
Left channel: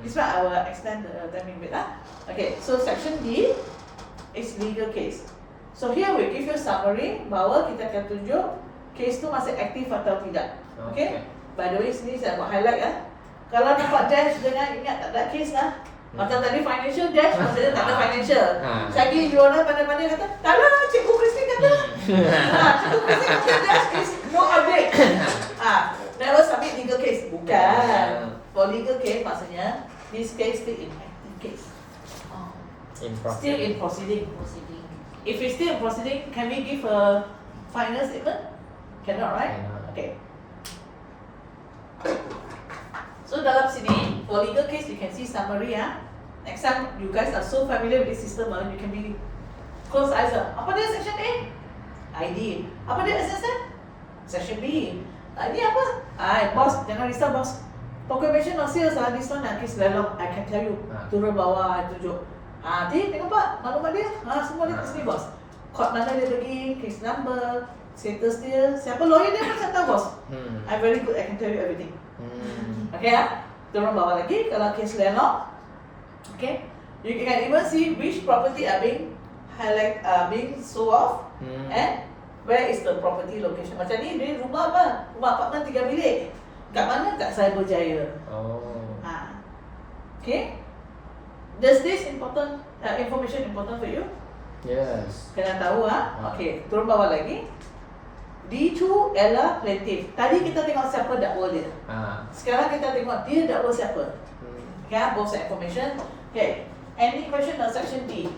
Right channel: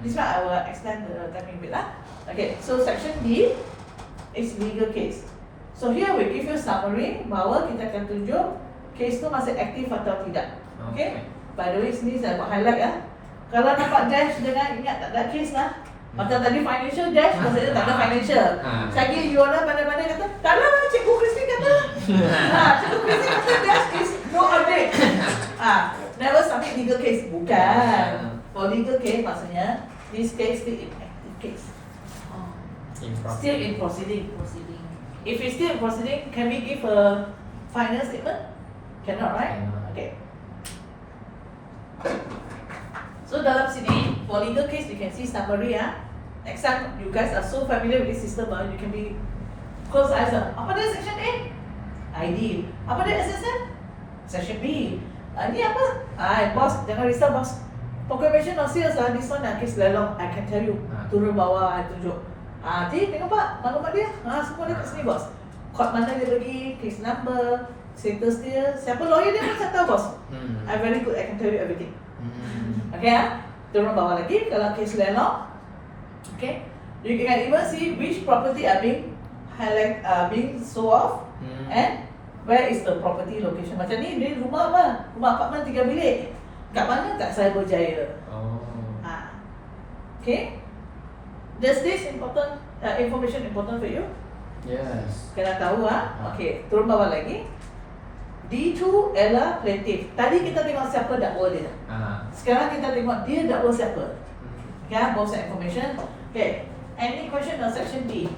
This one I will extend the timing bit lah. Okay, so section D is legal case. So here we give you summary bahawa kita akan tunjuk case tu masih aktif atau tidak. Okay, by the way sini saya buat highlight ya. Kalau nampak dash dengan ingat tak ada case lah. Macam tadi financial dash, maksudnya tak ada financial. Lagi Yona pandai-pandai kata, tak lah, Cikgu Christine kata. Cikgu Christine kata dash is no update. Never submit legal case. Bukan. For legal case maksudnya, this case still in active case. Still in proceeding. If it's still in proceeding, can we give a final statement? Cannot, right? Okay. So dalam sini, for legal case, you can see summary Next time, you guys are so familiar with this system, you can be close eyes. Apa dia section A? ID. Apa dia SSN? Section B. Ini apa? Boss, jangan risau boss. Proclamation of sales this one case lelong. I can tell you. Turun bawah, tunjuk. Tengok pak, maklumat dia. Semua dia kat sini bos. Court mana dia pergi, case number, status dia, siapa lawyer dia pun saya tahu bos. I'm very good, I can tell you everything. Okay turun bawah lagi, kalau case lelong, okay, you can even see which property are being highlight, being sold off, and where is the property location. Macam ni rumah apa? Rumah apartment 3 bilik. Kat mana? Kat Cyberjaya. Okay. Does this important information important for you? Yes. Kena tahu Okay, turun bawah lagi. D2 adalah plaintiff. Tadi kita tengok siapa dakwa dia. Sekarang kita tengok dia dakwa siapa. Okay, both information. Okay, any question on section D?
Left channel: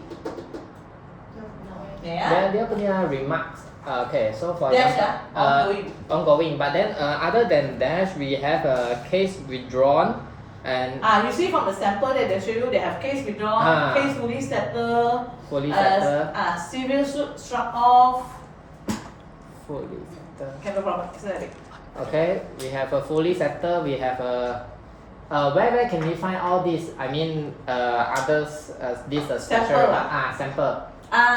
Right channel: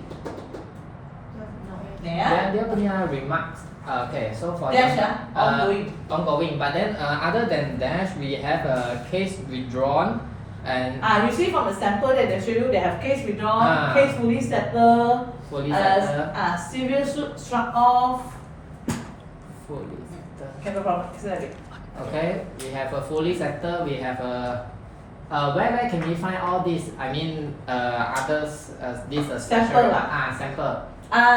Yeah. Dia punya remarks. Okay, so for Dash ya, ongoing. ongoing. But then other than dash, we have a case withdrawn and You see from the sample that they show you, they have case withdrawn, case fully settled, fully settled. serious suit struck off. Fully settled. Okay, no problem. Exactly. Okay, we have a fully settled. We have a where can we find all these? I mean, others this Sample special lah. sample.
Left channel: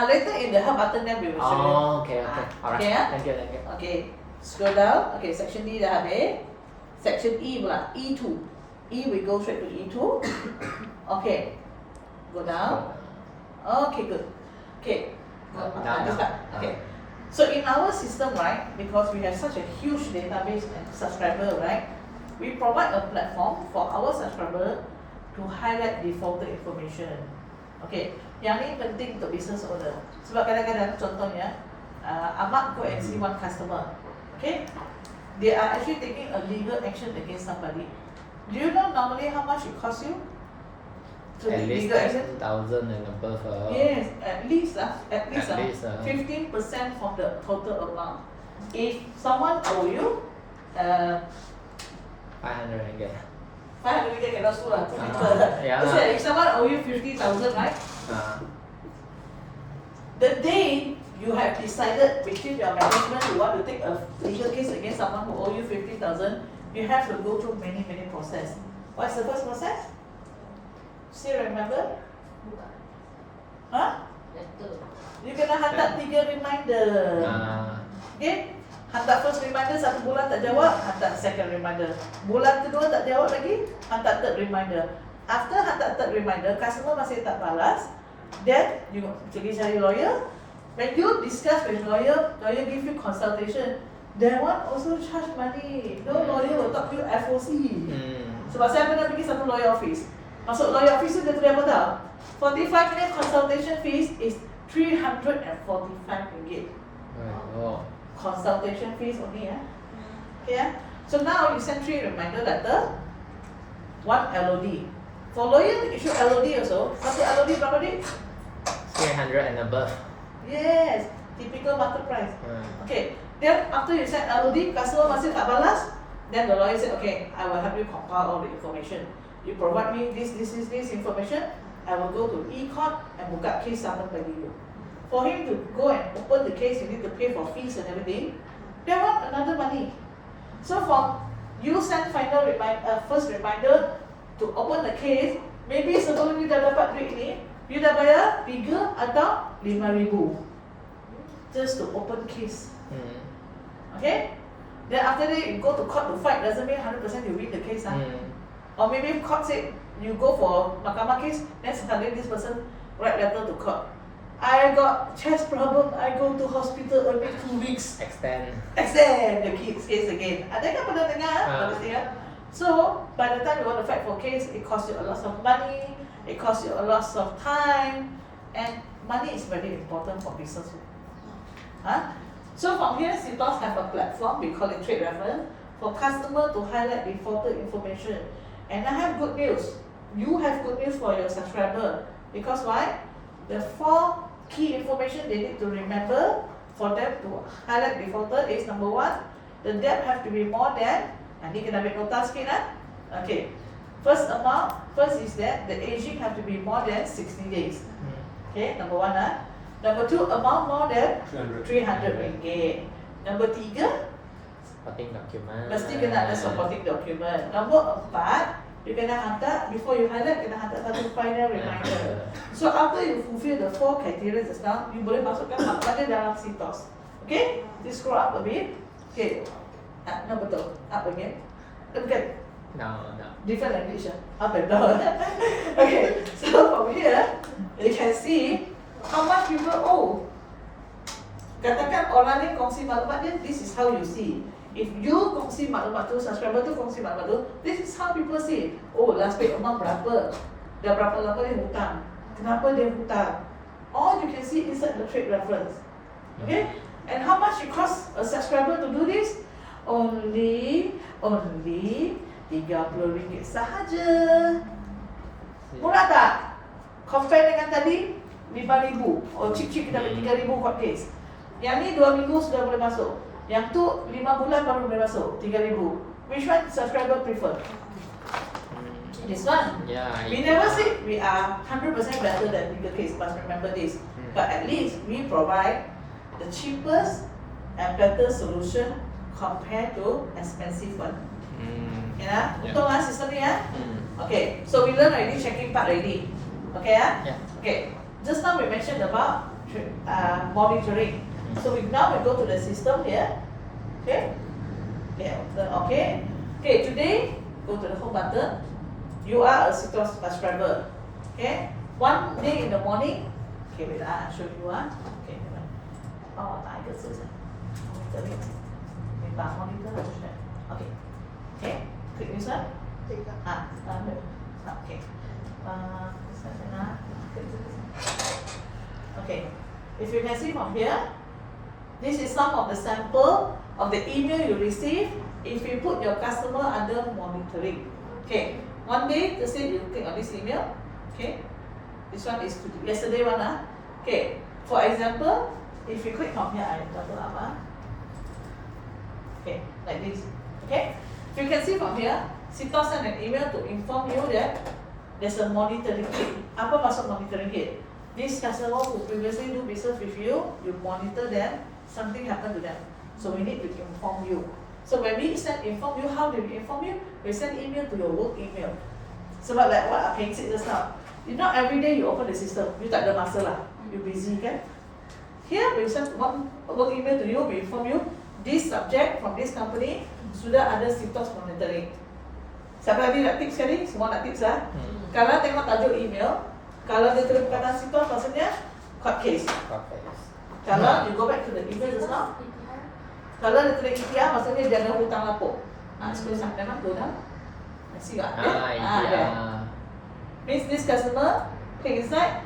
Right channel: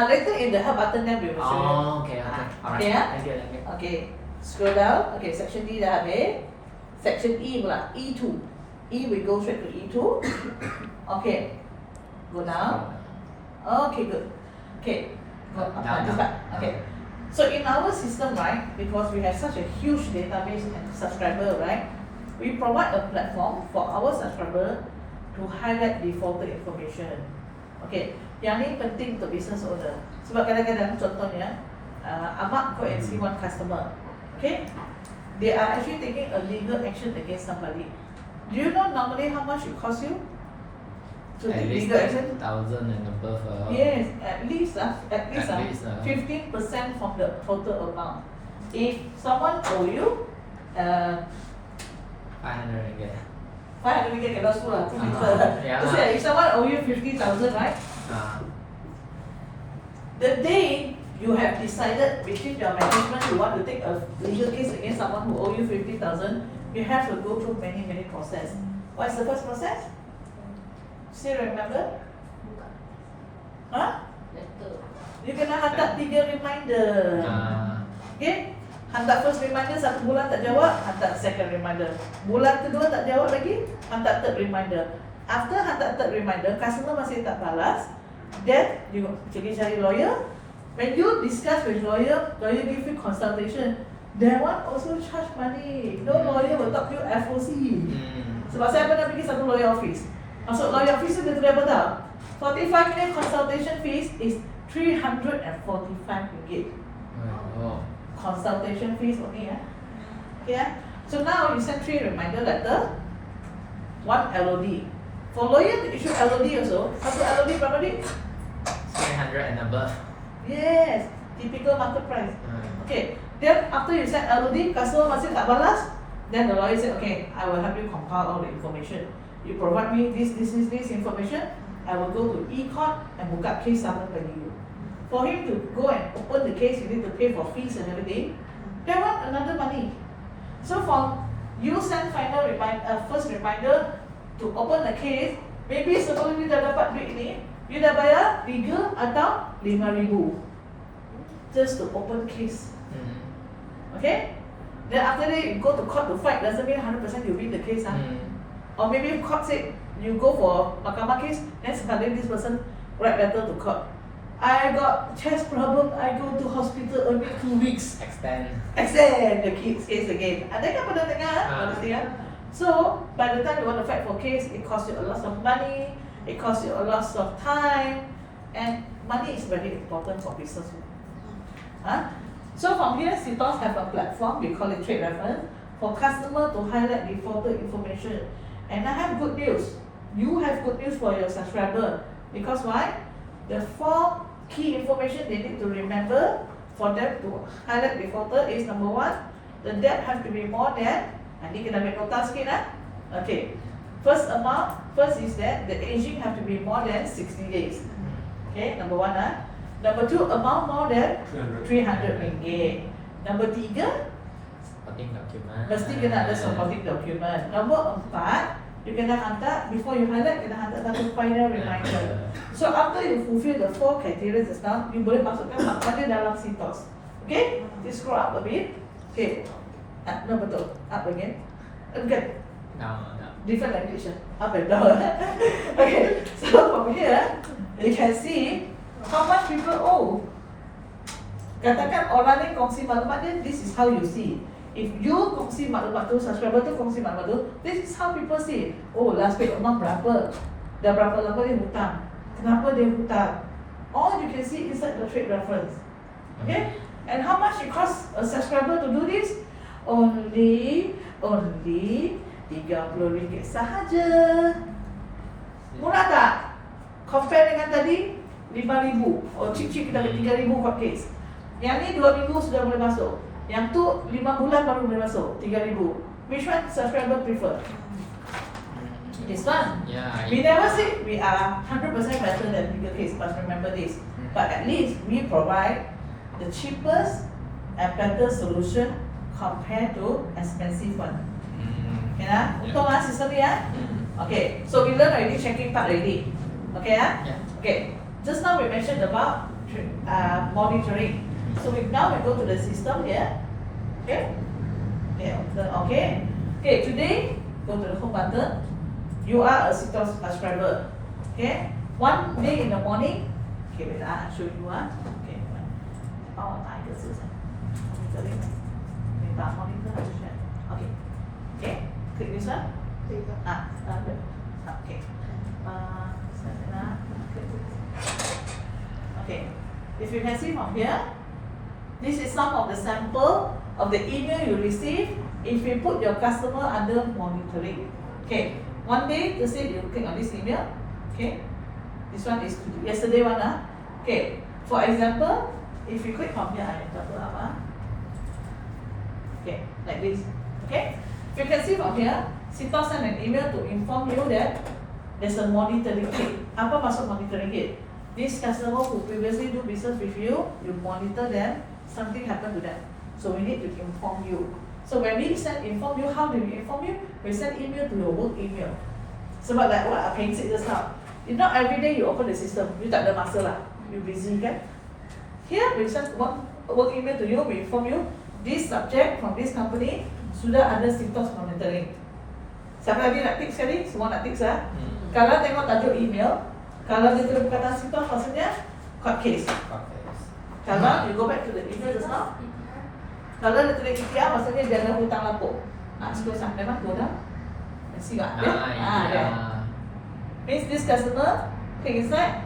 Later in the help button then we will show you. Oh, okay, okay, alright. Okay, Thank you, thank you. Okay, scroll down. Okay, section D dah habis. Section E pula, E2. E we go straight to E2. Okay, go down. Okay, good. Okay, Down, this down. one. Okay. So in our system, right, because we have such a huge database and subscriber, right, we provide a platform for our subscriber to highlight defaulted information. Okay, yang ni penting untuk business owner. Sebab kadang-kadang contohnya, Ahmad go and see one customer. Okay, they are actually taking a legal action against somebody. Do you know normally how much it costs you to At take least legal action? 10,000 and above. Yes, at least 15% from the total amount. If someone owe you 500 ringgit. 500 ringgit cannot sue lah. Yeah. If someone owe you 50,000, right? The day you have decided between your management you want to take a legal case against someone who owe you 50,000, you have to go through many process. What's the first process? Still remember? Huh? You kena hantar 3 reminder. Okay? Hantar first reminder 1 bulan tak jawab, hantar second reminder. Bulan kedua tak jawab lagi, hantar third reminder. After hantar third reminder, customer masih tak balas, then you pergi cari lawyer. When you discuss with lawyer, lawyer give you consultation. That one also charge money. No lawyer will talk to you FOC. Sebab saya pernah pergi satu lawyer office. Masuk lawyer office tu dia terima tahu. 45 minute consultation fees is 345 ringgit. Oh. Consultation fees only, okay. So now you send 3 reminder letter, 1 LOD. For lawyer to issue LOD also, satu LOD berapa duit? 300 and above. Yes, typical market price. Okay, then after you send LOD, customer masih tak balas, then the lawyer said, okay, I will help you compile all the information. You provide me this information, I will go to e-court and buka case summon bagi you. For him to go and open the case, you need to pay for fees and everything. They want another money. So for you send final first reminder to open the case, maybe sebelum you dah dapat duit ni, you dah bayar 3 atau 5,000 just to open case. Okay? Then after that you go to court to fight, doesn't mean 100% you win the case. Or maybe court say you go for mahkamah case, then suddenly this person write letter to court. I got chest problem, I go to hospital only 2 weeks. Extend the case again. Ada kan pernah dengar? So by the time you want to fight for case, it costs you a lot of money, it costs you a lot of time, and money is very important for business. So from here, Citos have a platform, we call it Trade Reference, for customer to highlight defaulted information. And I have good news. You have good news for your subscriber. Because why? The 4 key information they need to remember for them to highlight defaulted is number 1, the debt have to be more than, nanti kena ambil nota sikit Okay. First is that the aging have to be more than 60 days. Okay, number 1 Number 2, amount more than 300 ringgit. Number 3, Supporting document. mesti kena ada supporting document. Nombor 4, you kena hantar, before you highlight, kena hantar satu final reminder. So after you fulfill the 4 criteria just now, you boleh masukkan maknanya dalam Citos. Okay, please scroll up a bit. Okay, no betul, up again. Okay, No. different language, up and down. Okay, so from here, you can see how much people owe. Katakan orang ni kongsi maklumat dia, this is how you see. If you kongsi maklumat tu, subscriber tu kongsi maklumat tu, this is how people see. Oh, last week amount berapa? Dah berapa lama dia hutang? Kenapa dia hutang? All you can see inside the trade reference. Okay? And how much it costs a subscriber to do this? Only RM30 sahaja. Murah tak? Compare dengan tadi, 5,000 chip kita ambil 3,000 court case. Yang ni 2 minggu sudah boleh masuk. Yang tu 5 bulan baru boleh masuk 3,000. Which one subscriber prefer? This one. Yeah. We never say we are 100% better than bigger case, but remember this. But at least we provide the cheapest and better solution compared to expensive one. Okay lah? Untung lah sistem ni ya. Okay, so we learn already checking part already. Okay ya? Yeah. Okay, just now we mentioned about monitoring. So now we go to the system here. Okay? Okay. Okay, today go to the home button. You are a CITOS subscriber. Okay? One day in the morning. Okay, wait, I'll show you one. Okay. Oh, 哪一个字？monitoring. Wait, monitor. Okay. Okay. Click this one. Good. Okay. Okay. If you can see from here, this is some of the sample of the email you receive if you put your customer under monitoring. Okay. One day, you say you click on this email. Okay. This one is yesterday one. Okay. For example, if you click on here, I double up. Okay, like this. Okay. If you can see from here, CITOS send an email to inform you that there's a monitoring kit. Apa maksud monitoring kit? These customers who previously do business with you, you monitor them, something happened to them. So we need to inform you. So when we inform you, how do we inform you? We send email to your work email. Sebab like what Peng said just now, if not every day you open the system, you tak ada masa lah, you busy kan? Here we send one work email to you, we inform you, this subject from this company sudah ada CITOS monitoring. Siapa lagi nak tick sekali? Semua nak tick lah. Kalau tengok tajuk email, kalau dia tulis perkataan CITOS maksudnya court case. Kalau you go back to the email just now, kalau dia tulis IKEA maksudnya dia ada hutang lapuk. Sekarang memang tu dah. Masih tak? Yeah. Means this customer click inside.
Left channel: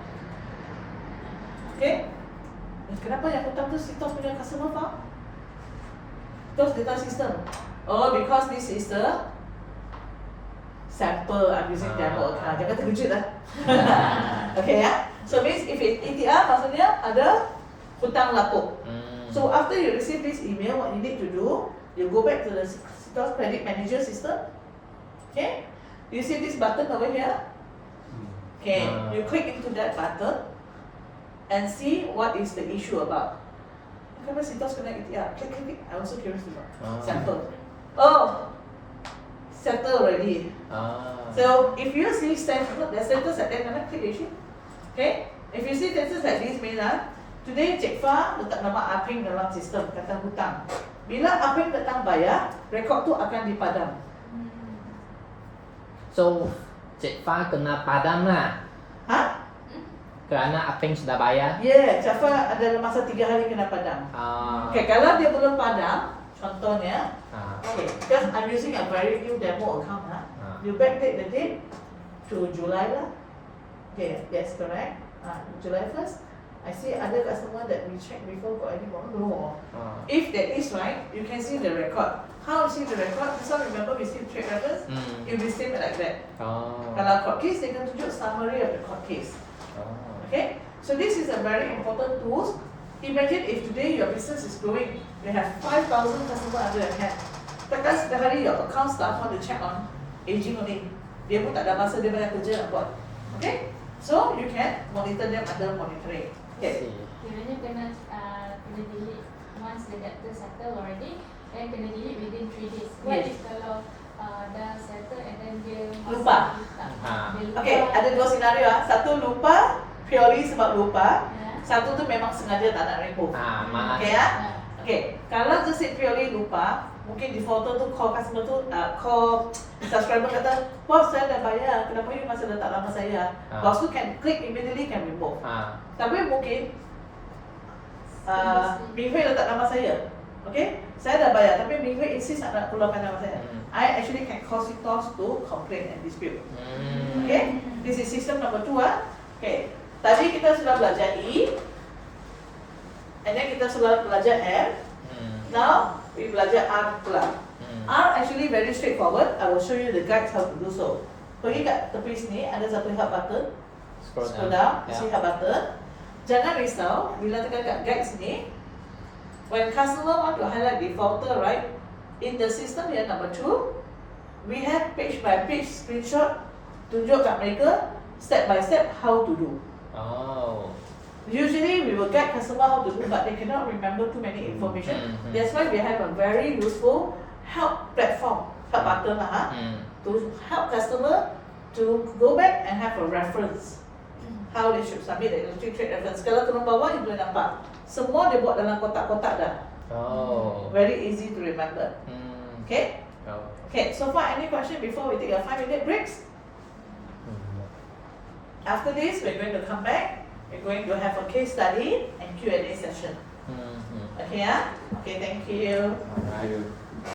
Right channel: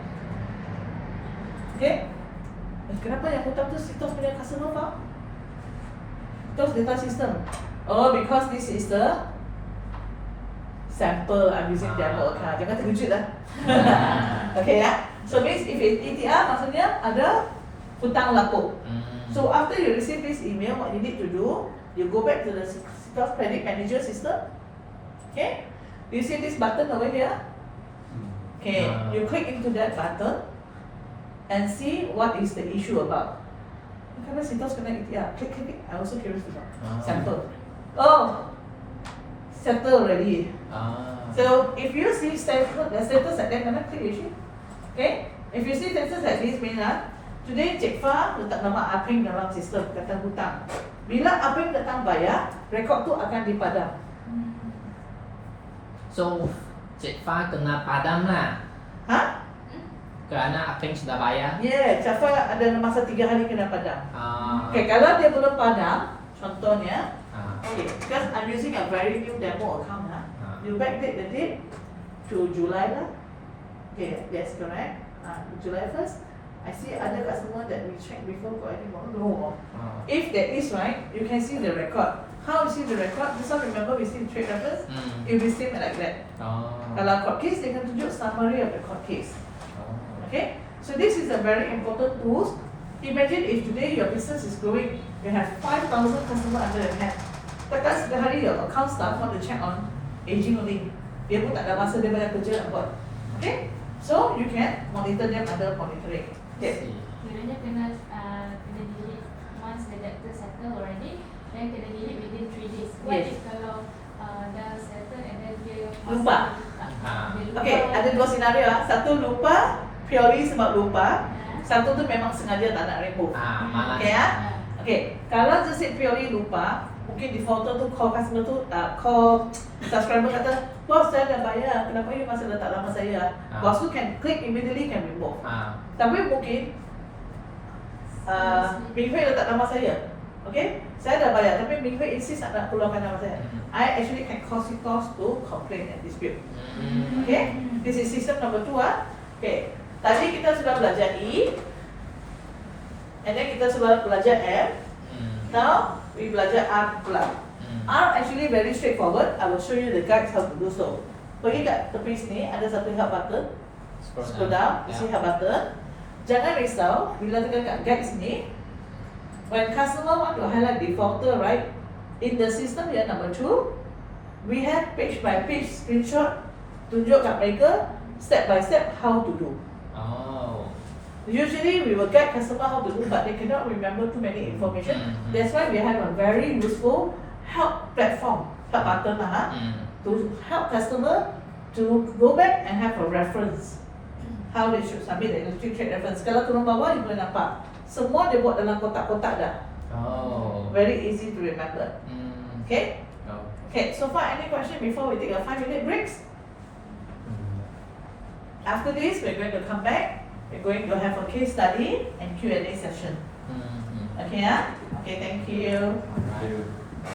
Okay. Kenapa yang hutang tu CITOS punya customer file? CITOS data system. Oh, because this is the sample I'm using demo account. Jangan terkejut lah. Okay ya. So means if it ETR maksudnya ada hutang lapuk. So after you receive this email, what you need to do, you go back to the CITOS Credit Manager system. Okay. You see this button over here? Okay. You click into that button and see what is the issue about. Kenapa CITOS kena ETR? Click. I also curious to know. Sample. Oh, settle already. So if you see the status at that moment, click issue. Okay. If you see status like this, means today Cik Fah letak nama Apeng dalam sistem kata hutang. Bila Apeng datang bayar, rekod tu akan dipadam. So Cik Fah kena padam lah. Ha? Kerana Apeng sudah bayar. Yeah, Cik Fah ada masa 3 hari kena padam. Okay, kalau dia belum padam, contohnya, okay, because I'm using a very new demo account you backdate the date to July lah. Okay, that's correct. July 1st. I see other customer that we checked before got any more. No. If that is right, you can see the record. How you see the record? This one remember we see the trade reference. It will be same like that. Kalau court case, they can tunjuk summary of the court case. Okay, so this is a very important tool. Imagine if today your business is growing, you have 5,000 customers under your hand. Takkan sehari your account staff want to check on aging only. Dia pun tak ada masa, dia banyak kerja nak buat. Okay, so you can monitor them under monitoring. Okay. Kiranya kena delete once the debtor settle already, then kena delete within 3 days. What Yes. if kalau dah settle and then dia Lupa. dia lupa. Okay, ada dua senario. Satu lupa, purely sebab lupa. Satu tu memang sengaja tak nak remove. Okay ya? Okay, kalau just say purely lupa, mungkin defaulter tu call customer tu, call subscriber kata, bos saya dah bayar, kenapa ini masih letak nama saya? Bos tu can click immediately can remove. Tapi mungkin Minghui letak nama saya. Okay, saya dah bayar, tapi Minghui insist nak keluarkan nama saya. I actually can call CITOS to complain and dispute. Okay, this is system number 2. Okay, tadi kita sudah belajar E, and then kita sudah belajar M. Now we belajar R pula. R actually very straightforward. I will show you the guides how to do so. Pergi kat tepi sini ada satu help button. Scroll down, you see help button. Jangan risau, bila tekan kat guide sini, when customer want to highlight defaulter, right? In the system yang number 2, we have page by page screenshot tunjuk kat mereka step by step how to do. Oh. Usually we will guide customer how to do, but they cannot remember too many information. That's why we have a very useful help platform, help button lah, to help customer to go back and have a reference. How they should submit the electric trade reference. Kalau turun bawah, you boleh nampak. Semua dia buat dalam kotak-kotak dah. Oh. Very easy to remember. Okay? Oh. Okay, so far any question before we take a 5-minute breaks? After this, we're going to come back. We're going to have a case study and Q&A session. Okay, yeah? Okay, thank you. Okay.